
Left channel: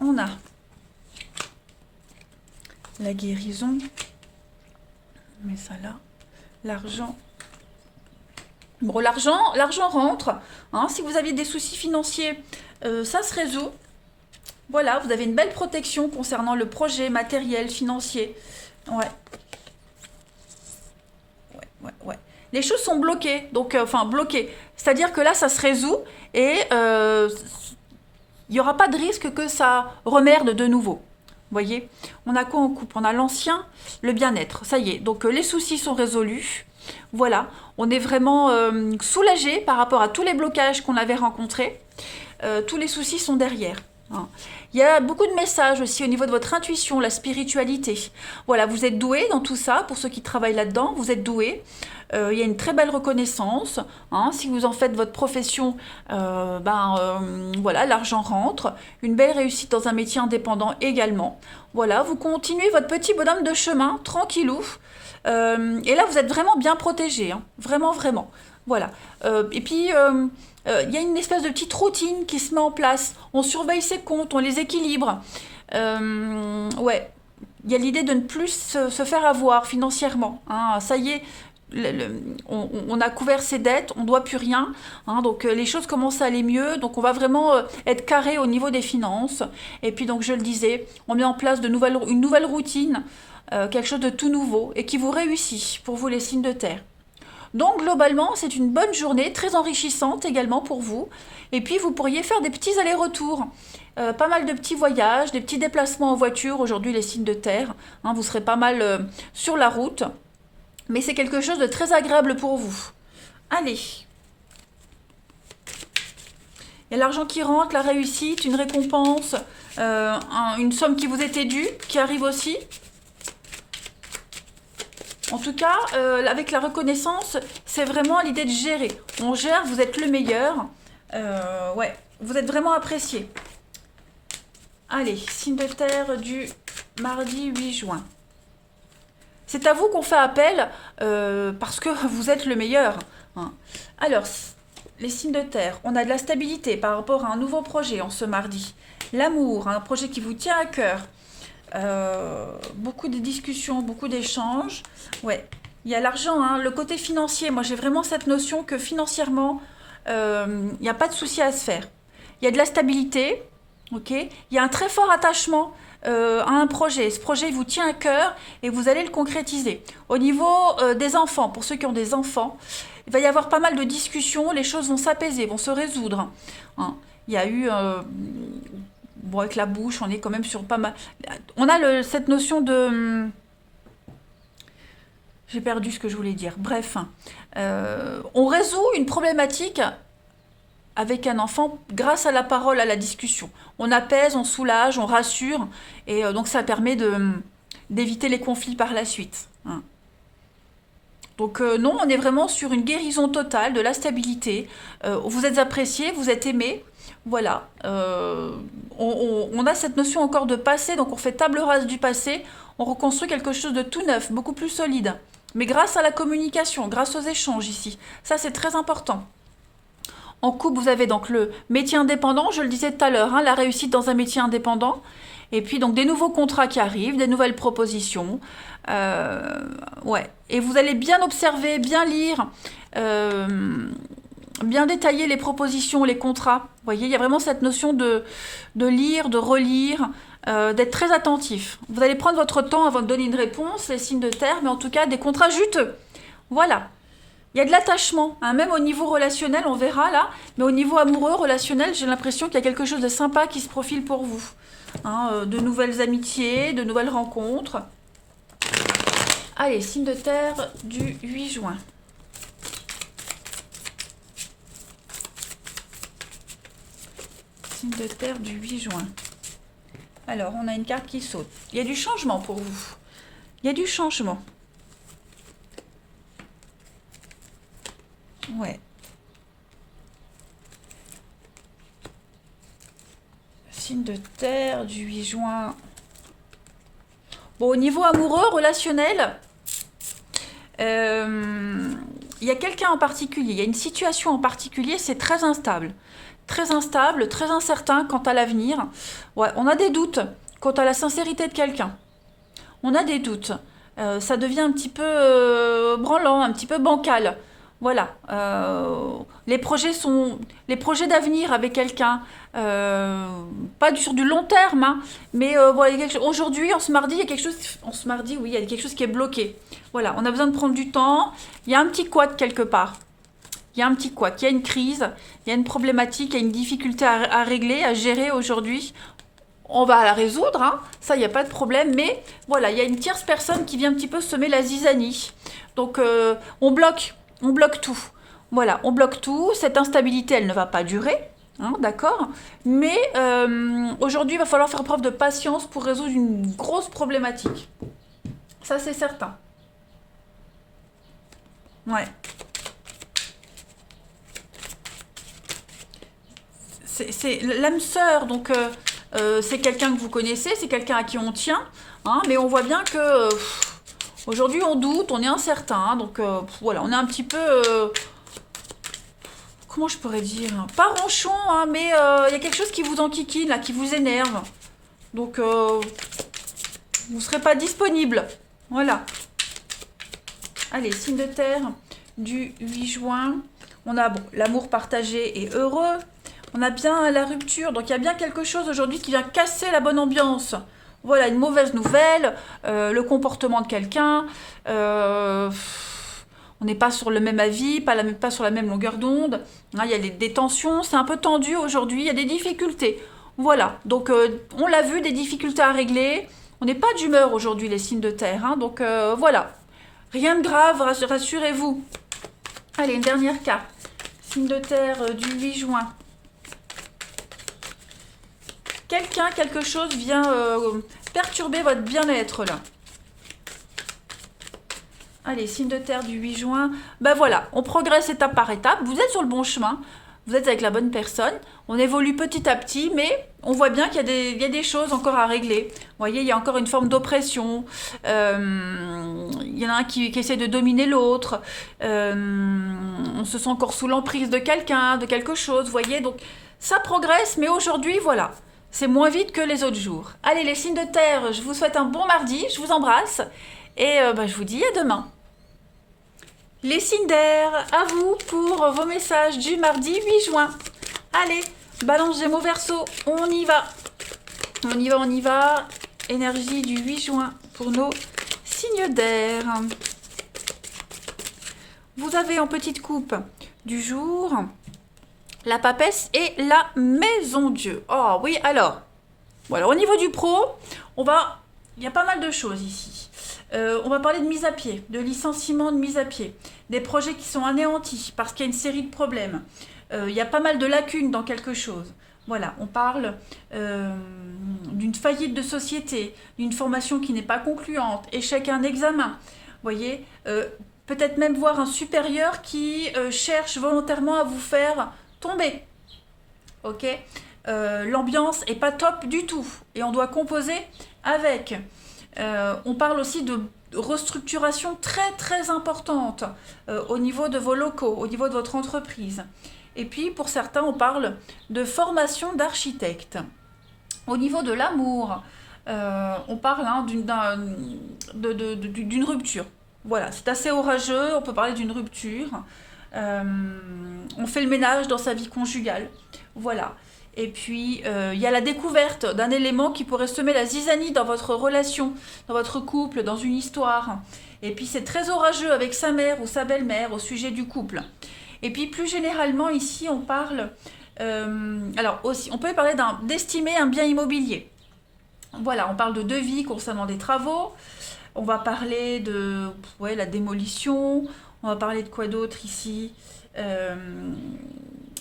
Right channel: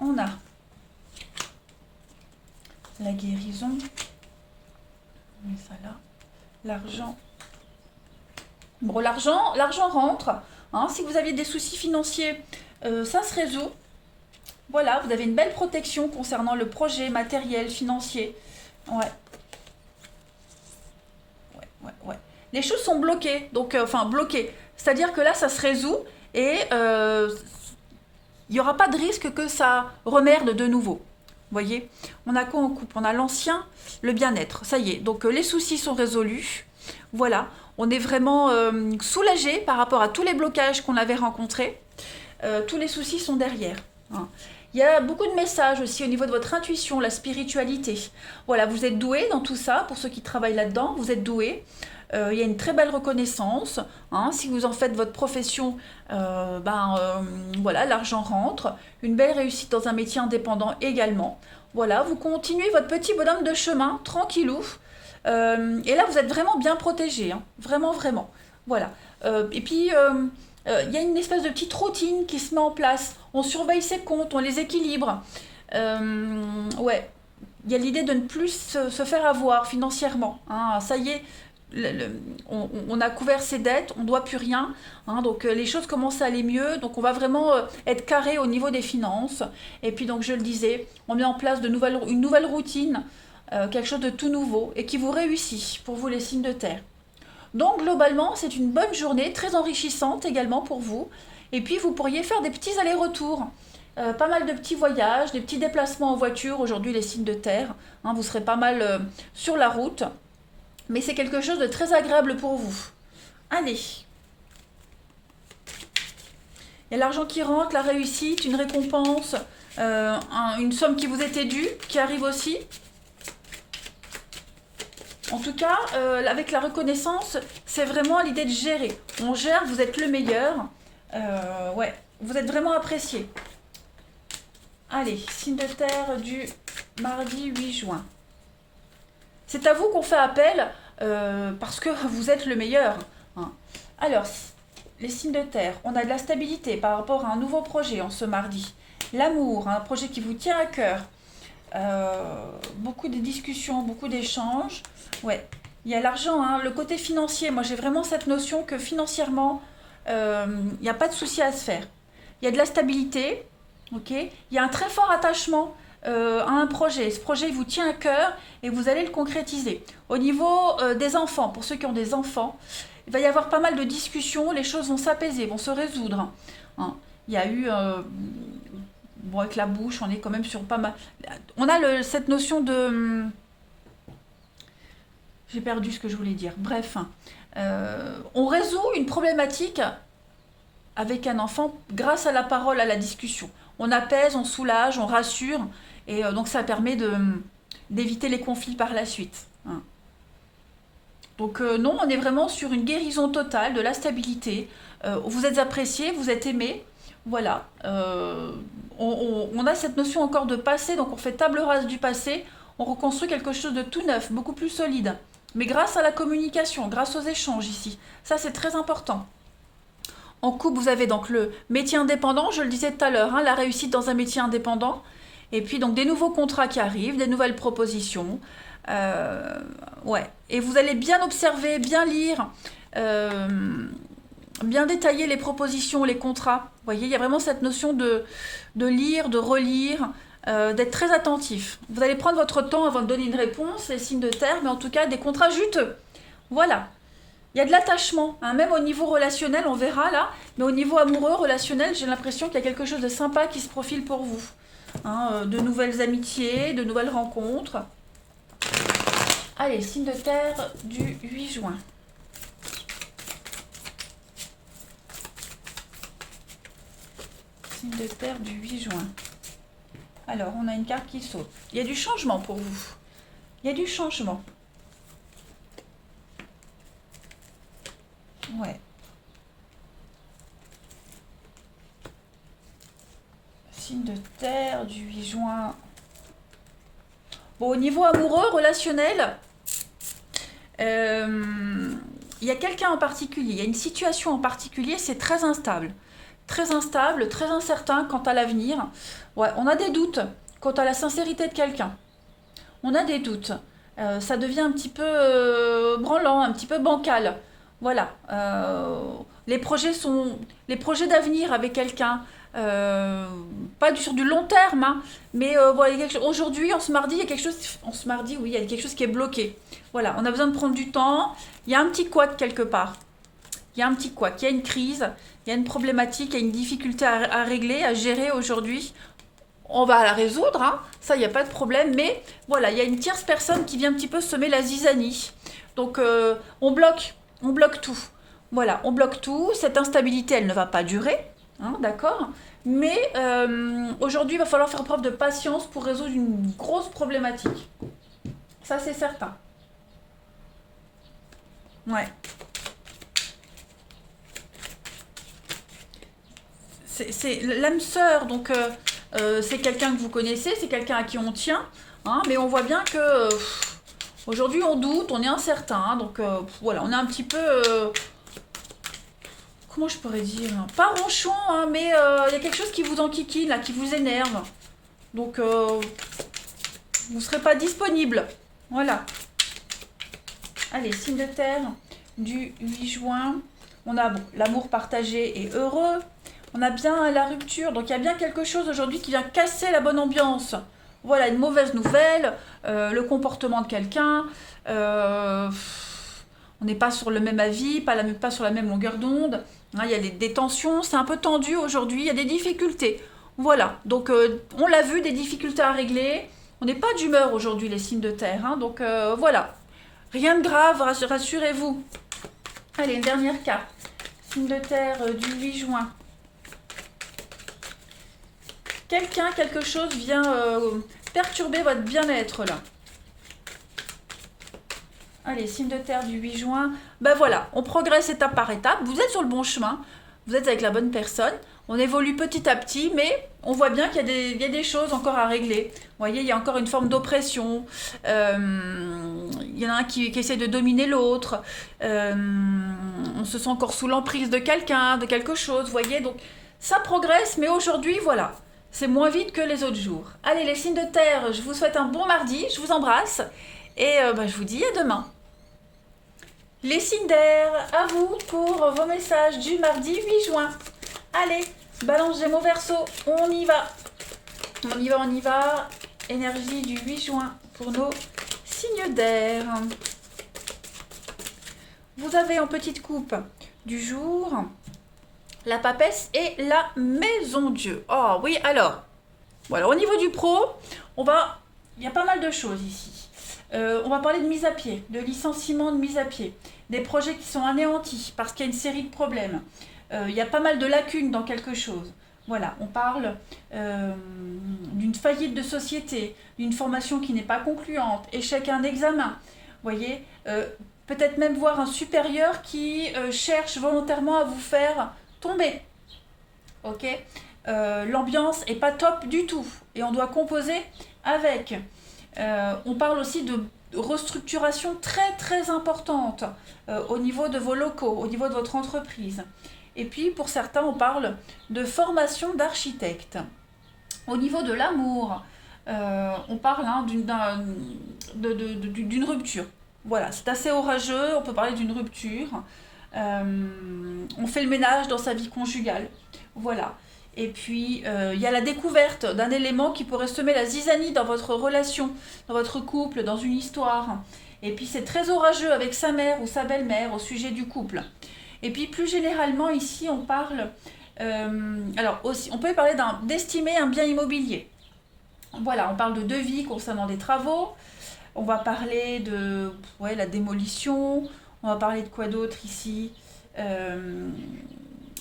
On a la guérison, on met ça là, l'argent. Bon, l'argent rentre, hein. Si vous aviez des soucis financiers, ça se résout. Voilà, vous avez une belle protection concernant le projet matériel, financier. Ouais. Ouais. Les choses sont bloquées, donc, enfin bloquées. C'est-à-dire que là, ça se résout et il n'y aura pas de risque que ça remerde de nouveau. Vous voyez, on a quoi en couple? On a l'ancien, le bien-être. Ça y est, donc les soucis sont résolus. Voilà, on est vraiment soulagé par rapport à tous les blocages qu'on avait rencontrés. Tous les soucis sont derrière, hein. Il y a beaucoup de messages aussi au niveau de votre intuition, la spiritualité. Voilà, vous êtes doué dans tout ça, pour ceux qui travaillent là-dedans, vous êtes doué. Il y a une très belle reconnaissance, hein. Si vous en faites votre profession, voilà, l'argent rentre. Une belle réussite dans un métier indépendant également. Voilà, vous continuez votre petit bonhomme de chemin, tranquillou. Et là, vous êtes vraiment bien protégé, hein. Vraiment, vraiment. Voilà. Et puis, il y a une espèce de petite routine qui se met en place. On surveille ses comptes, on les équilibre. Ouais, il y a l'idée de ne plus se faire avoir financièrement, hein. Ça y est, on a couvert ses dettes, on ne doit plus rien, hein. Donc les choses commencent à aller mieux. Donc on va vraiment être carré au niveau des finances. Et puis donc je le disais, on met en place une nouvelle routine, quelque chose de tout nouveau et qui vous réussit pour vous les signes de terre. Donc globalement, c'est une bonne journée, très enrichissante également pour vous. Et puis vous pourriez faire des petits allers-retours, pas mal de petits voyages, des petits déplacements en voiture. Aujourd'hui, les signes de terre, hein, vous serez pas mal sur la route. Mais c'est quelque chose de très agréable pour vous. Allez. Il y a l'argent qui rentre, la réussite, une récompense, une somme qui vous était due, qui arrive aussi. En tout cas, avec la reconnaissance, c'est vraiment l'idée de gérer. On gère, vous êtes le meilleur. Ouais, vous êtes vraiment apprécié. Allez, signe de terre du mardi 8 juin. C'est à vous qu'on fait appel parce que vous êtes le meilleur, hein. Alors, les signes de terre, on a de la stabilité par rapport à un nouveau projet en ce mardi. L'amour, un projet qui vous tient à cœur. Beaucoup de discussions, beaucoup d'échanges. Ouais, il y a l'argent, hein, le côté financier. Moi, j'ai vraiment cette notion que financièrement, il n'y a pas de souci à se faire. il y a de la stabilité, ok? Il y a un très fort attachement à un projet. Ce projet il vous tient à cœur et vous allez le concrétiser. Au niveau des enfants, pour ceux qui ont des enfants, il va y avoir pas mal de discussions, les choses vont s'apaiser, vont se résoudre. Hein. Il y a eu, bon, avec la bouche, on est quand même sur pas mal. On a cette notion de. J'ai perdu ce que je voulais dire. Bref, hein. On résout une problématique avec un enfant grâce à la parole, à la discussion. On apaise, on soulage, on rassure, et donc ça permet d'éviter les conflits par la suite. Hein. Donc non, on est vraiment sur une guérison totale, de la stabilité. Vous êtes apprécié, vous êtes aimé. Voilà. On a cette notion encore de passé, donc on fait table rase du passé, on reconstruit quelque chose de tout neuf, beaucoup plus solide. Mais grâce à la communication, grâce aux échanges ici. Ça, c'est très important. En couple, vous avez donc le métier indépendant, je le disais tout à l'heure, hein, la réussite dans un métier indépendant. Et puis donc des nouveaux contrats qui arrivent, des nouvelles propositions. Euh, ouais. Et vous allez bien observer, bien lire, euh, bien détailler les propositions, les contrats. Vous voyez, il y a vraiment cette notion de lire, de relire, d'être très attentif. Vous allez prendre votre temps avant de donner une réponse, les signes de terre, mais en tout cas des contrats juteux. Voilà. Il y a de l'attachement, hein, même au niveau relationnel, on verra là, mais au niveau amoureux, relationnel, j'ai l'impression qu'il y a quelque chose de sympa qui se profile pour vous. Hein, de nouvelles amitiés, de nouvelles rencontres. Allez, signe de terre du 8 juin. Signe de terre du 8 juin. Alors, on a une carte qui saute. Il y a du changement pour vous. Il y a du changement. Ouais. Signe de terre du 8 juin. Bon, au niveau amoureux, relationnel, il y a quelqu'un en particulier, il y a une situation en particulier, c'est très instable. Très instable, très incertain quant à l'avenir. Ouais, on a des doutes quant à la sincérité de quelqu'un. On a des doutes. Ça devient un petit peu branlant, un petit peu bancal. Voilà. Les projets d'avenir avec quelqu'un, pas sur du long terme, hein, mais voilà, aujourd'hui, en ce mardi, il y a quelque chose. En ce mardi, oui, il y a quelque chose qui est bloqué. Voilà, on a besoin de prendre du temps. Il y a un petit couac quelque part. Il y a un petit couac. Il y a une crise. Il y a une problématique. Il y a une difficulté à régler, à gérer aujourd'hui. On va la résoudre, hein. Ça, il n'y a pas de problème, mais voilà, il y a une tierce personne qui vient un petit peu semer la zizanie. Donc, on bloque tout. Voilà, on bloque tout. Cette instabilité, elle ne va pas durer, hein, d'accord? Mais aujourd'hui, il va falloir faire preuve de patience pour résoudre une grosse problématique. Ça, c'est certain. Ouais. C'est l'âme sœur, donc c'est quelqu'un que vous connaissez, c'est quelqu'un à qui on tient, hein, mais on voit bien que aujourd'hui on doute, on est incertain, hein, donc voilà, on est un petit peu, comment je pourrais dire, pas ronchon, hein, mais il y a quelque chose qui vous enquiquine, là, qui vous énerve, donc vous ne serez pas disponible, voilà. Allez, signe de terre du 8 juin, on a bon, l'amour partagé et heureux. On a bien la rupture, donc il y a bien quelque chose aujourd'hui qui vient casser la bonne ambiance. Voilà, une mauvaise nouvelle, le comportement de quelqu'un, on n'est pas sur le même avis, pas sur la même longueur d'onde. Hein, il y a des tensions, c'est un peu tendu aujourd'hui, il y a des difficultés. Voilà, donc on l'a vu, des difficultés à régler. On n'est pas d'humeur aujourd'hui, les signes de terre, hein, donc voilà. Rien de grave, rassurez-vous. Allez, une dernière carte. Signe de terre du 8 juin. Quelqu'un, quelque chose vient perturber votre bien-être là. Allez, signe de terre du 8 juin. Ben voilà, on progresse étape par étape. Vous êtes sur le bon chemin. Vous êtes avec la bonne personne. On évolue petit à petit, mais on voit bien qu'il y a des choses encore à régler. Vous voyez, il y a encore une forme d'oppression. Il y en a un qui essaie de dominer l'autre. On se sent encore sous l'emprise de quelqu'un, de quelque chose. Vous voyez, donc ça progresse, mais aujourd'hui, voilà. C'est moins vite que les autres jours. Allez, les signes de terre, je vous souhaite un bon mardi, je vous embrasse et je vous dis à demain. Les signes d'air, à vous pour vos messages du mardi 8 juin. Allez, Balance Gémeaux Verseau, on y va. On y va, on y va. Énergie du 8 juin pour nos signes d'air. Vous avez en petite coupe du jour la papesse et la maison Dieu. Oh oui, alors, voilà, au niveau du pro, il y a pas mal de choses ici. On va parler de mise à pied, de licenciement, de mise à pied, des projets qui sont anéantis parce qu'il y a une série de problèmes. Il y a pas mal de lacunes dans quelque chose. Voilà, on parle d'une faillite de société, d'une formation qui n'est pas concluante, échec à un examen. Vous voyez, peut-être même voir un supérieur qui cherche volontairement à vous faire tomber. Ok, l'ambiance est pas top du tout et on doit composer avec. On parle aussi de restructuration très très importante au niveau de vos locaux, au niveau de votre entreprise. Et puis pour certains, on parle de formation d'architecte. Au niveau de l'amour, on parle d'une rupture. Voilà, c'est assez orageux, on peut parler d'une rupture. On fait le ménage dans sa vie conjugale. Voilà. Et puis, il y a la découverte d'un élément qui pourrait semer la zizanie dans votre relation, dans votre couple, dans une histoire. Et puis, c'est très orageux avec sa mère ou sa belle-mère au sujet du couple. Et puis, plus généralement, ici, on parle... alors, aussi, on peut parler d'estimer un bien immobilier. Voilà, on parle de devis concernant des travaux. On va parler de la démolition. On va parler de quoi d'autre ici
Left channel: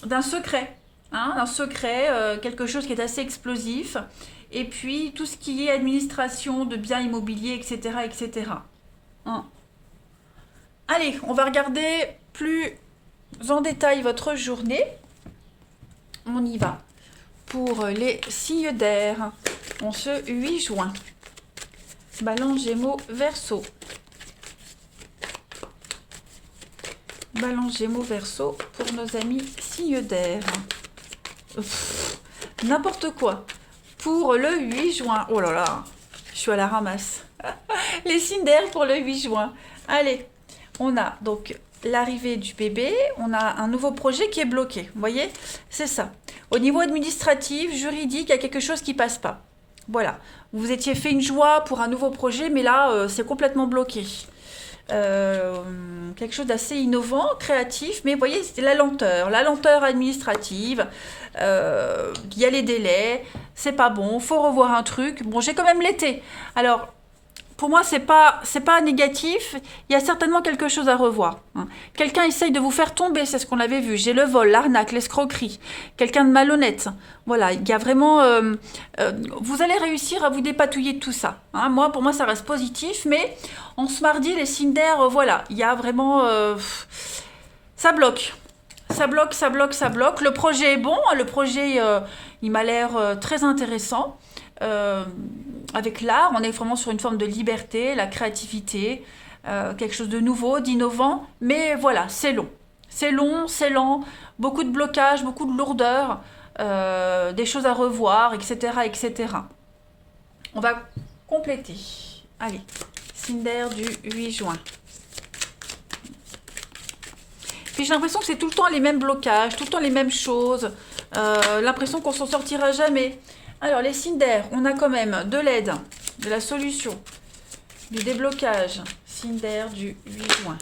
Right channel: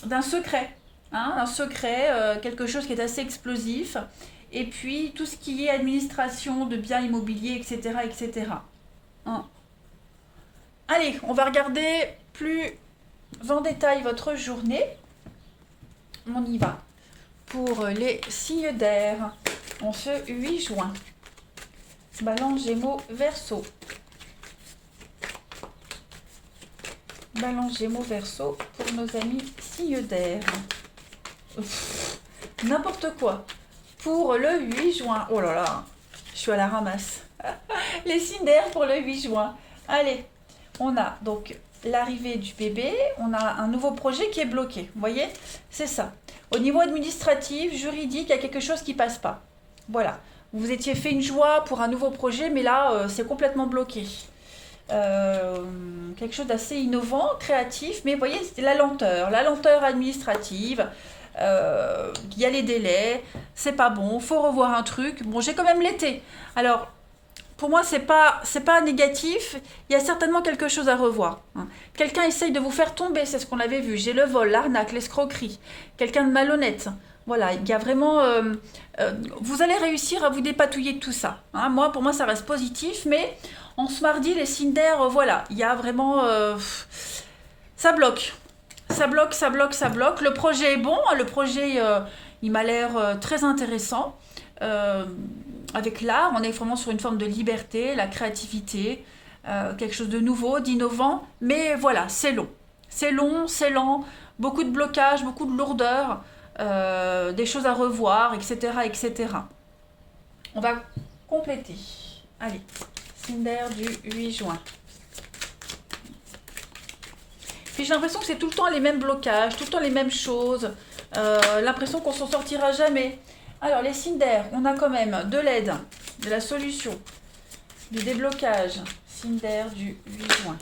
d'un secret. Un secret, quelque chose qui est assez explosif. Et puis, tout ce qui est administration de biens immobiliers, etc. etc. Hein. Allez, on va regarder plus en détail votre journée. On y va. Pour les signes d'air, en ce 8 juin. Balance Gémeaux Verseau. Balance Gémeaux Verseau pour nos amis signes d'air. N'importe quoi. Pour le 8 juin. Oh là là, je suis à la ramasse. Les signes d'air pour le 8 juin. Allez, on a donc l'arrivée du bébé. On a un nouveau projet qui est bloqué. Vous voyez, c'est ça. Au niveau administratif, juridique, il y a quelque chose qui ne passe pas. Voilà. Vous vous étiez fait une joie pour un nouveau projet, mais là, c'est complètement bloqué. Quelque chose d'assez innovant, créatif, mais vous voyez, c'est la lenteur administrative, il y a les délais, c'est pas bon, faut revoir un truc. Bon, j'ai quand même l'été. Alors, pour moi, c'est pas négatif, il y a certainement quelque chose à revoir. Hein. Quelqu'un essaye de vous faire tomber, c'est ce qu'on avait vu. J'ai le vol, l'arnaque, l'escroquerie, quelqu'un de malhonnête. Voilà, il y a vraiment... vous allez réussir à vous dépatouiller de tout ça. Hein. Pour moi, ça reste positif, mais en ce mardi, les signes d'air, voilà, il y a vraiment... ça bloque. Ça bloque, ça bloque, ça bloque. Le projet est bon, hein, le projet, il m'a l'air très intéressant. Avec l'art, on est vraiment sur une forme de liberté, la créativité, quelque chose de nouveau, d'innovant, mais voilà, c'est long. C'est long, c'est lent, beaucoup de blocages, beaucoup de lourdeur, des choses à revoir, etc., etc. On va compléter. Allez, signe d'air du 8 juin. Puis j'ai l'impression que c'est tout le temps les mêmes blocages, tout le temps les mêmes choses, l'impression qu'on s'en sortira jamais. Alors, les signes d'air, on a quand même de l'aide, de la solution, du déblocage. Signe d'air du 8 juin.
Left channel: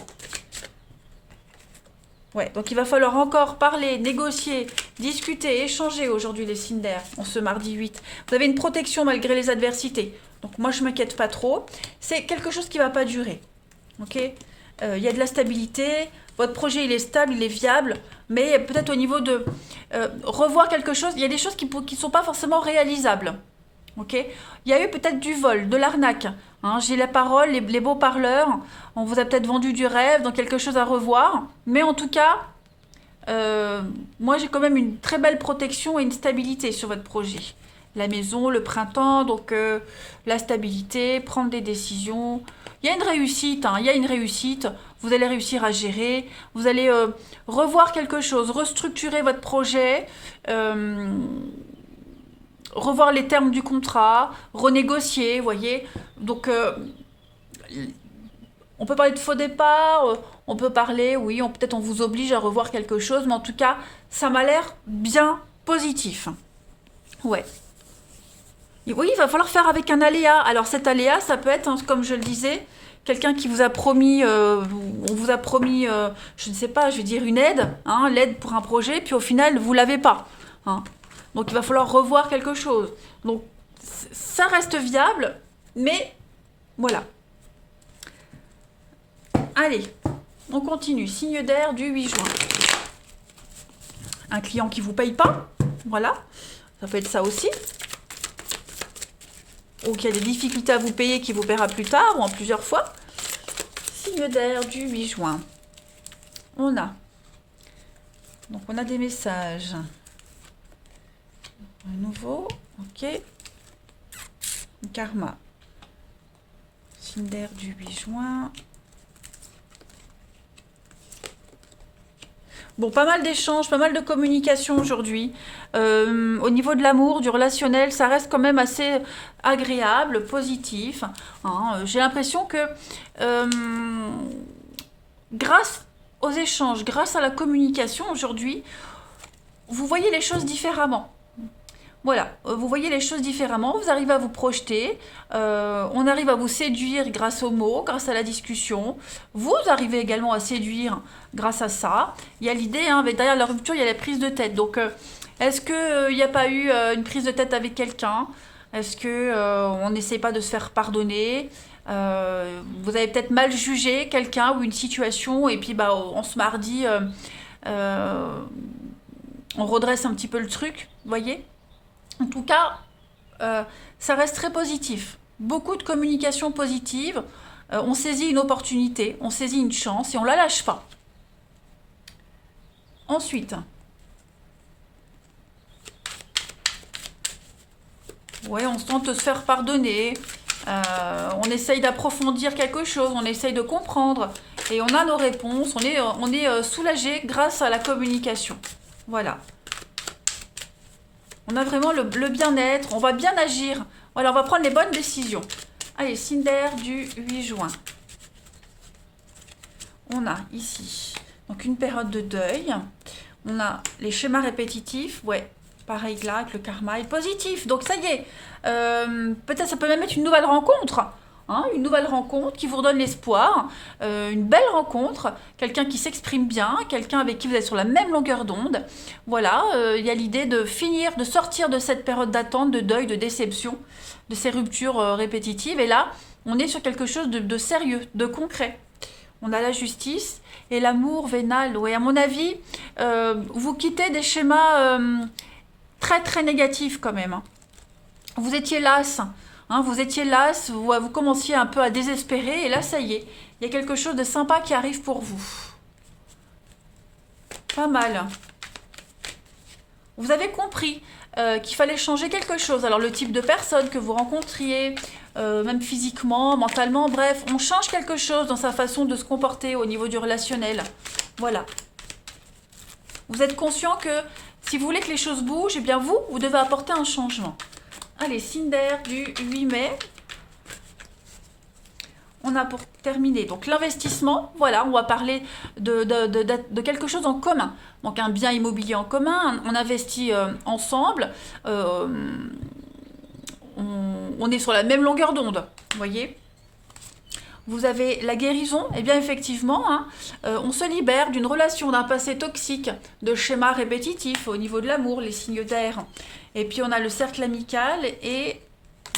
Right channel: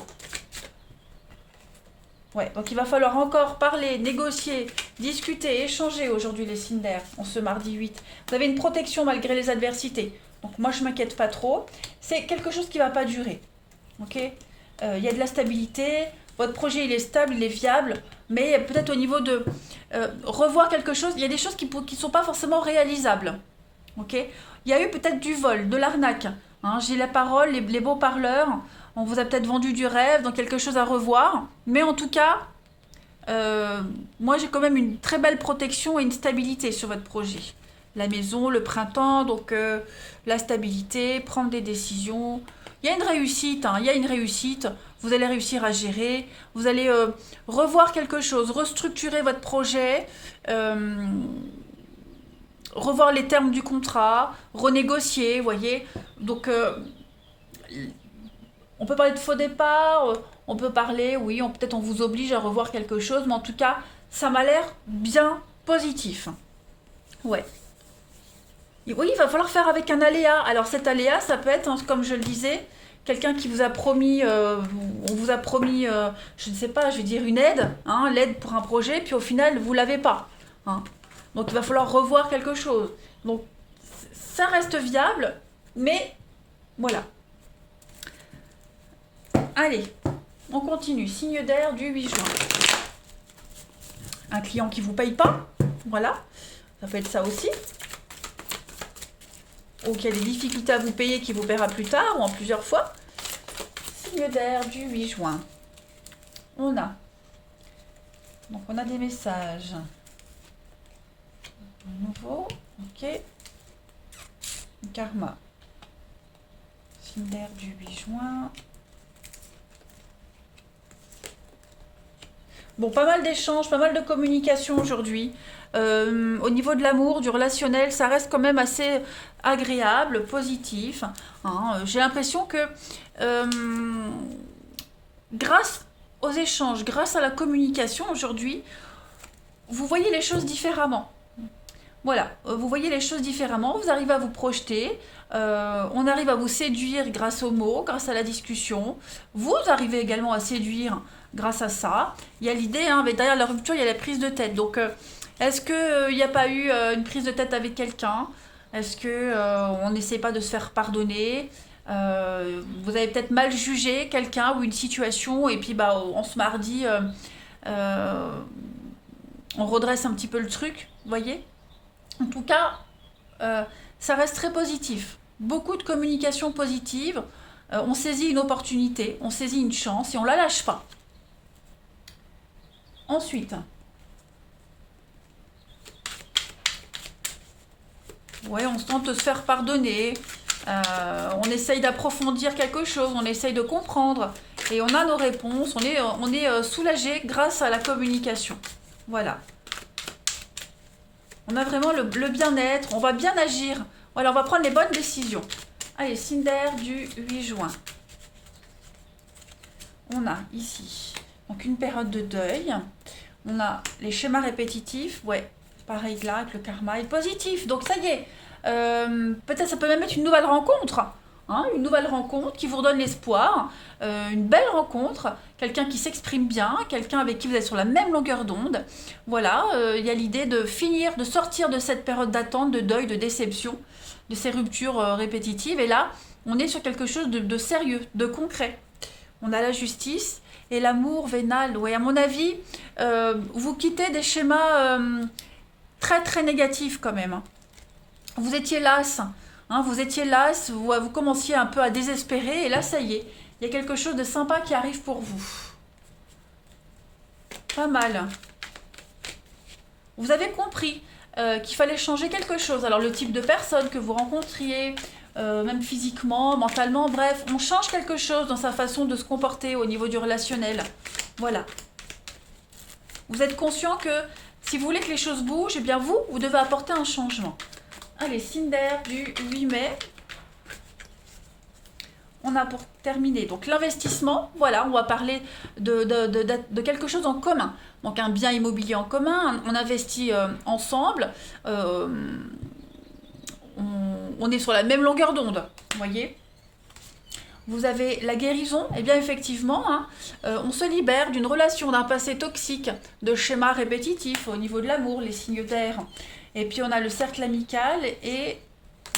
Ouais, donc il va falloir encore parler, négocier, discuter, échanger aujourd'hui les signes d'air, en ce mardi 8. Vous avez une protection malgré les adversités. Donc moi, je ne m'inquiète pas trop. C'est quelque chose qui ne va pas durer. Ok, il y a de la stabilité. Votre projet, il est stable, il est viable, mais peut-être au niveau de revoir quelque chose, il y a des choses qui ne sont pas forcément réalisables. Okay, il y a eu peut-être du vol, de l'arnaque. Hein, j'ai la parole, les beaux parleurs, on vous a peut-être vendu du rêve, donc quelque chose à revoir. Mais en tout cas, moi j'ai quand même une très belle protection et une stabilité sur votre projet. La maison, le printemps, donc la stabilité, prendre des décisions. Il y a une réussite, hein, il y a une réussite. Vous allez réussir à gérer, vous allez revoir quelque chose, restructurer votre projet, revoir les termes du contrat, renégocier, vous voyez. Donc, on peut parler de faux départ, on peut parler, oui, peut-être on vous oblige à revoir quelque chose, mais en tout cas, ça m'a l'air bien positif. Ouais. Et oui, il va falloir faire avec un aléa. Alors cet aléa, ça peut être, hein, comme je le disais, quelqu'un qui vous a promis, on vous a promis, je ne sais pas, je vais dire une aide, hein, l'aide pour un projet, puis au final, vous l'avez pas. Hein. Donc il va falloir revoir quelque chose. Donc ça reste viable, mais voilà. Allez, on continue. Signe d'air du 8 juin. Un client qui vous paye pas, voilà. Ça peut être ça aussi. Ou qu'il y a des difficultés à vous payer qui vous paiera plus tard ou en plusieurs fois. Signe d'air du 8 juin. On a. Donc on a des messages. Un nouveau. Ok. Karma. Signe d'air du 8 juin. Bon, pas mal d'échanges, pas mal de communication aujourd'hui. Au niveau de l'amour, du relationnel, ça reste quand même assez agréable, positif. Hein. J'ai l'impression que grâce aux échanges, grâce à la communication aujourd'hui, vous voyez les choses différemment. Voilà, vous voyez les choses différemment, vous arrivez à vous projeter, on arrive à vous séduire grâce aux mots, grâce à la discussion. Vous arrivez également à séduire grâce à ça. Il y a l'idée, hein, mais derrière la rupture, il y a la prise de tête. Donc, est-ce qu'il n'y a pas eu une prise de tête avec quelqu'un? Est-ce que on n'essaie pas de se faire pardonner? Vous avez peut-être mal jugé quelqu'un ou une situation, et puis bah, on se mardi, euh, on redresse un petit peu le truc, vous voyez? En tout cas, ça reste très positif. Beaucoup de communication positive. On saisit une opportunité, on saisit une chance et on la lâche pas. Ensuite, ouais, on se tente de se faire pardonner. On essaye d'approfondir quelque chose, on essaye de comprendre. Et on a nos réponses, on est soulagé grâce à la communication. Voilà. On a vraiment le bien-être, on va bien agir. Voilà, on va prendre les bonnes décisions. Allez, signe d'air du 8 juin. On a ici donc une période de deuil. On a les schémas répétitifs. Ouais, pareil que là, que le karma est positif. Donc ça y est. Peut-être ça peut même être une nouvelle rencontre. Hein, une nouvelle rencontre qui vous redonne l'espoir. Une belle rencontre. Quelqu'un qui s'exprime bien. Quelqu'un avec qui vous êtes sur la même longueur d'onde. Voilà, il y a l'idée de finir, de sortir de cette période d'attente, de deuil, de déception, de ces ruptures répétitives. Et là, on est sur quelque chose de sérieux, de concret. On a la justice et l'amour vénal. Ouais, à mon avis, vous quittez des schémas très très négatifs quand même. Hein. Vous étiez las, hein, vous commenciez un peu à désespérer et là ça y est, il y a quelque chose de sympa qui arrive pour vous. Pas mal. Vous avez compris qu'il fallait changer quelque chose. Alors le type de personne que vous rencontriez, même physiquement, mentalement, bref, on change quelque chose dans sa façon de se comporter au niveau du relationnel. Voilà. Vous êtes conscient que si vous voulez que les choses bougent, eh bien vous devez apporter un changement. Allez, signe d'air du 8 mai. On a pour terminer donc l'investissement. Voilà, on va parler de quelque chose en commun. Donc un bien immobilier en commun, on investit ensemble. On est sur la même longueur d'onde, vous voyez. Vous avez la guérison, et bien effectivement, hein, on se libère d'une relation, d'un passé toxique, de schémas répétitifs au niveau de l'amour, les signes d'air. Et puis on a le cercle amical et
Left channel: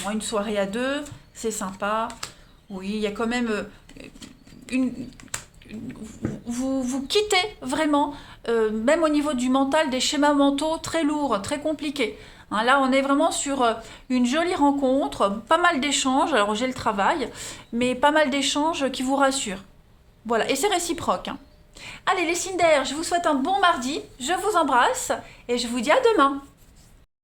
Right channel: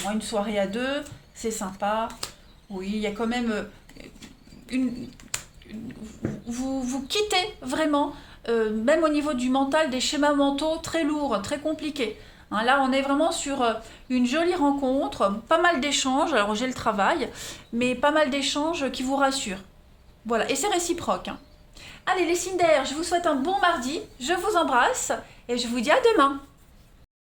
bon, une soirée à deux, c'est sympa. Oui, il y a quand même vous quittez vraiment, même au niveau du mental, des schémas mentaux très lourds, très compliqués. Hein, là, on est vraiment sur une jolie rencontre, pas mal d'échanges. Alors, j'ai le travail, mais pas mal d'échanges qui vous rassurent. Voilà, et c'est réciproque. Hein. Allez, les signes d'air, je vous souhaite un bon mardi, je vous embrasse et je vous dis à demain.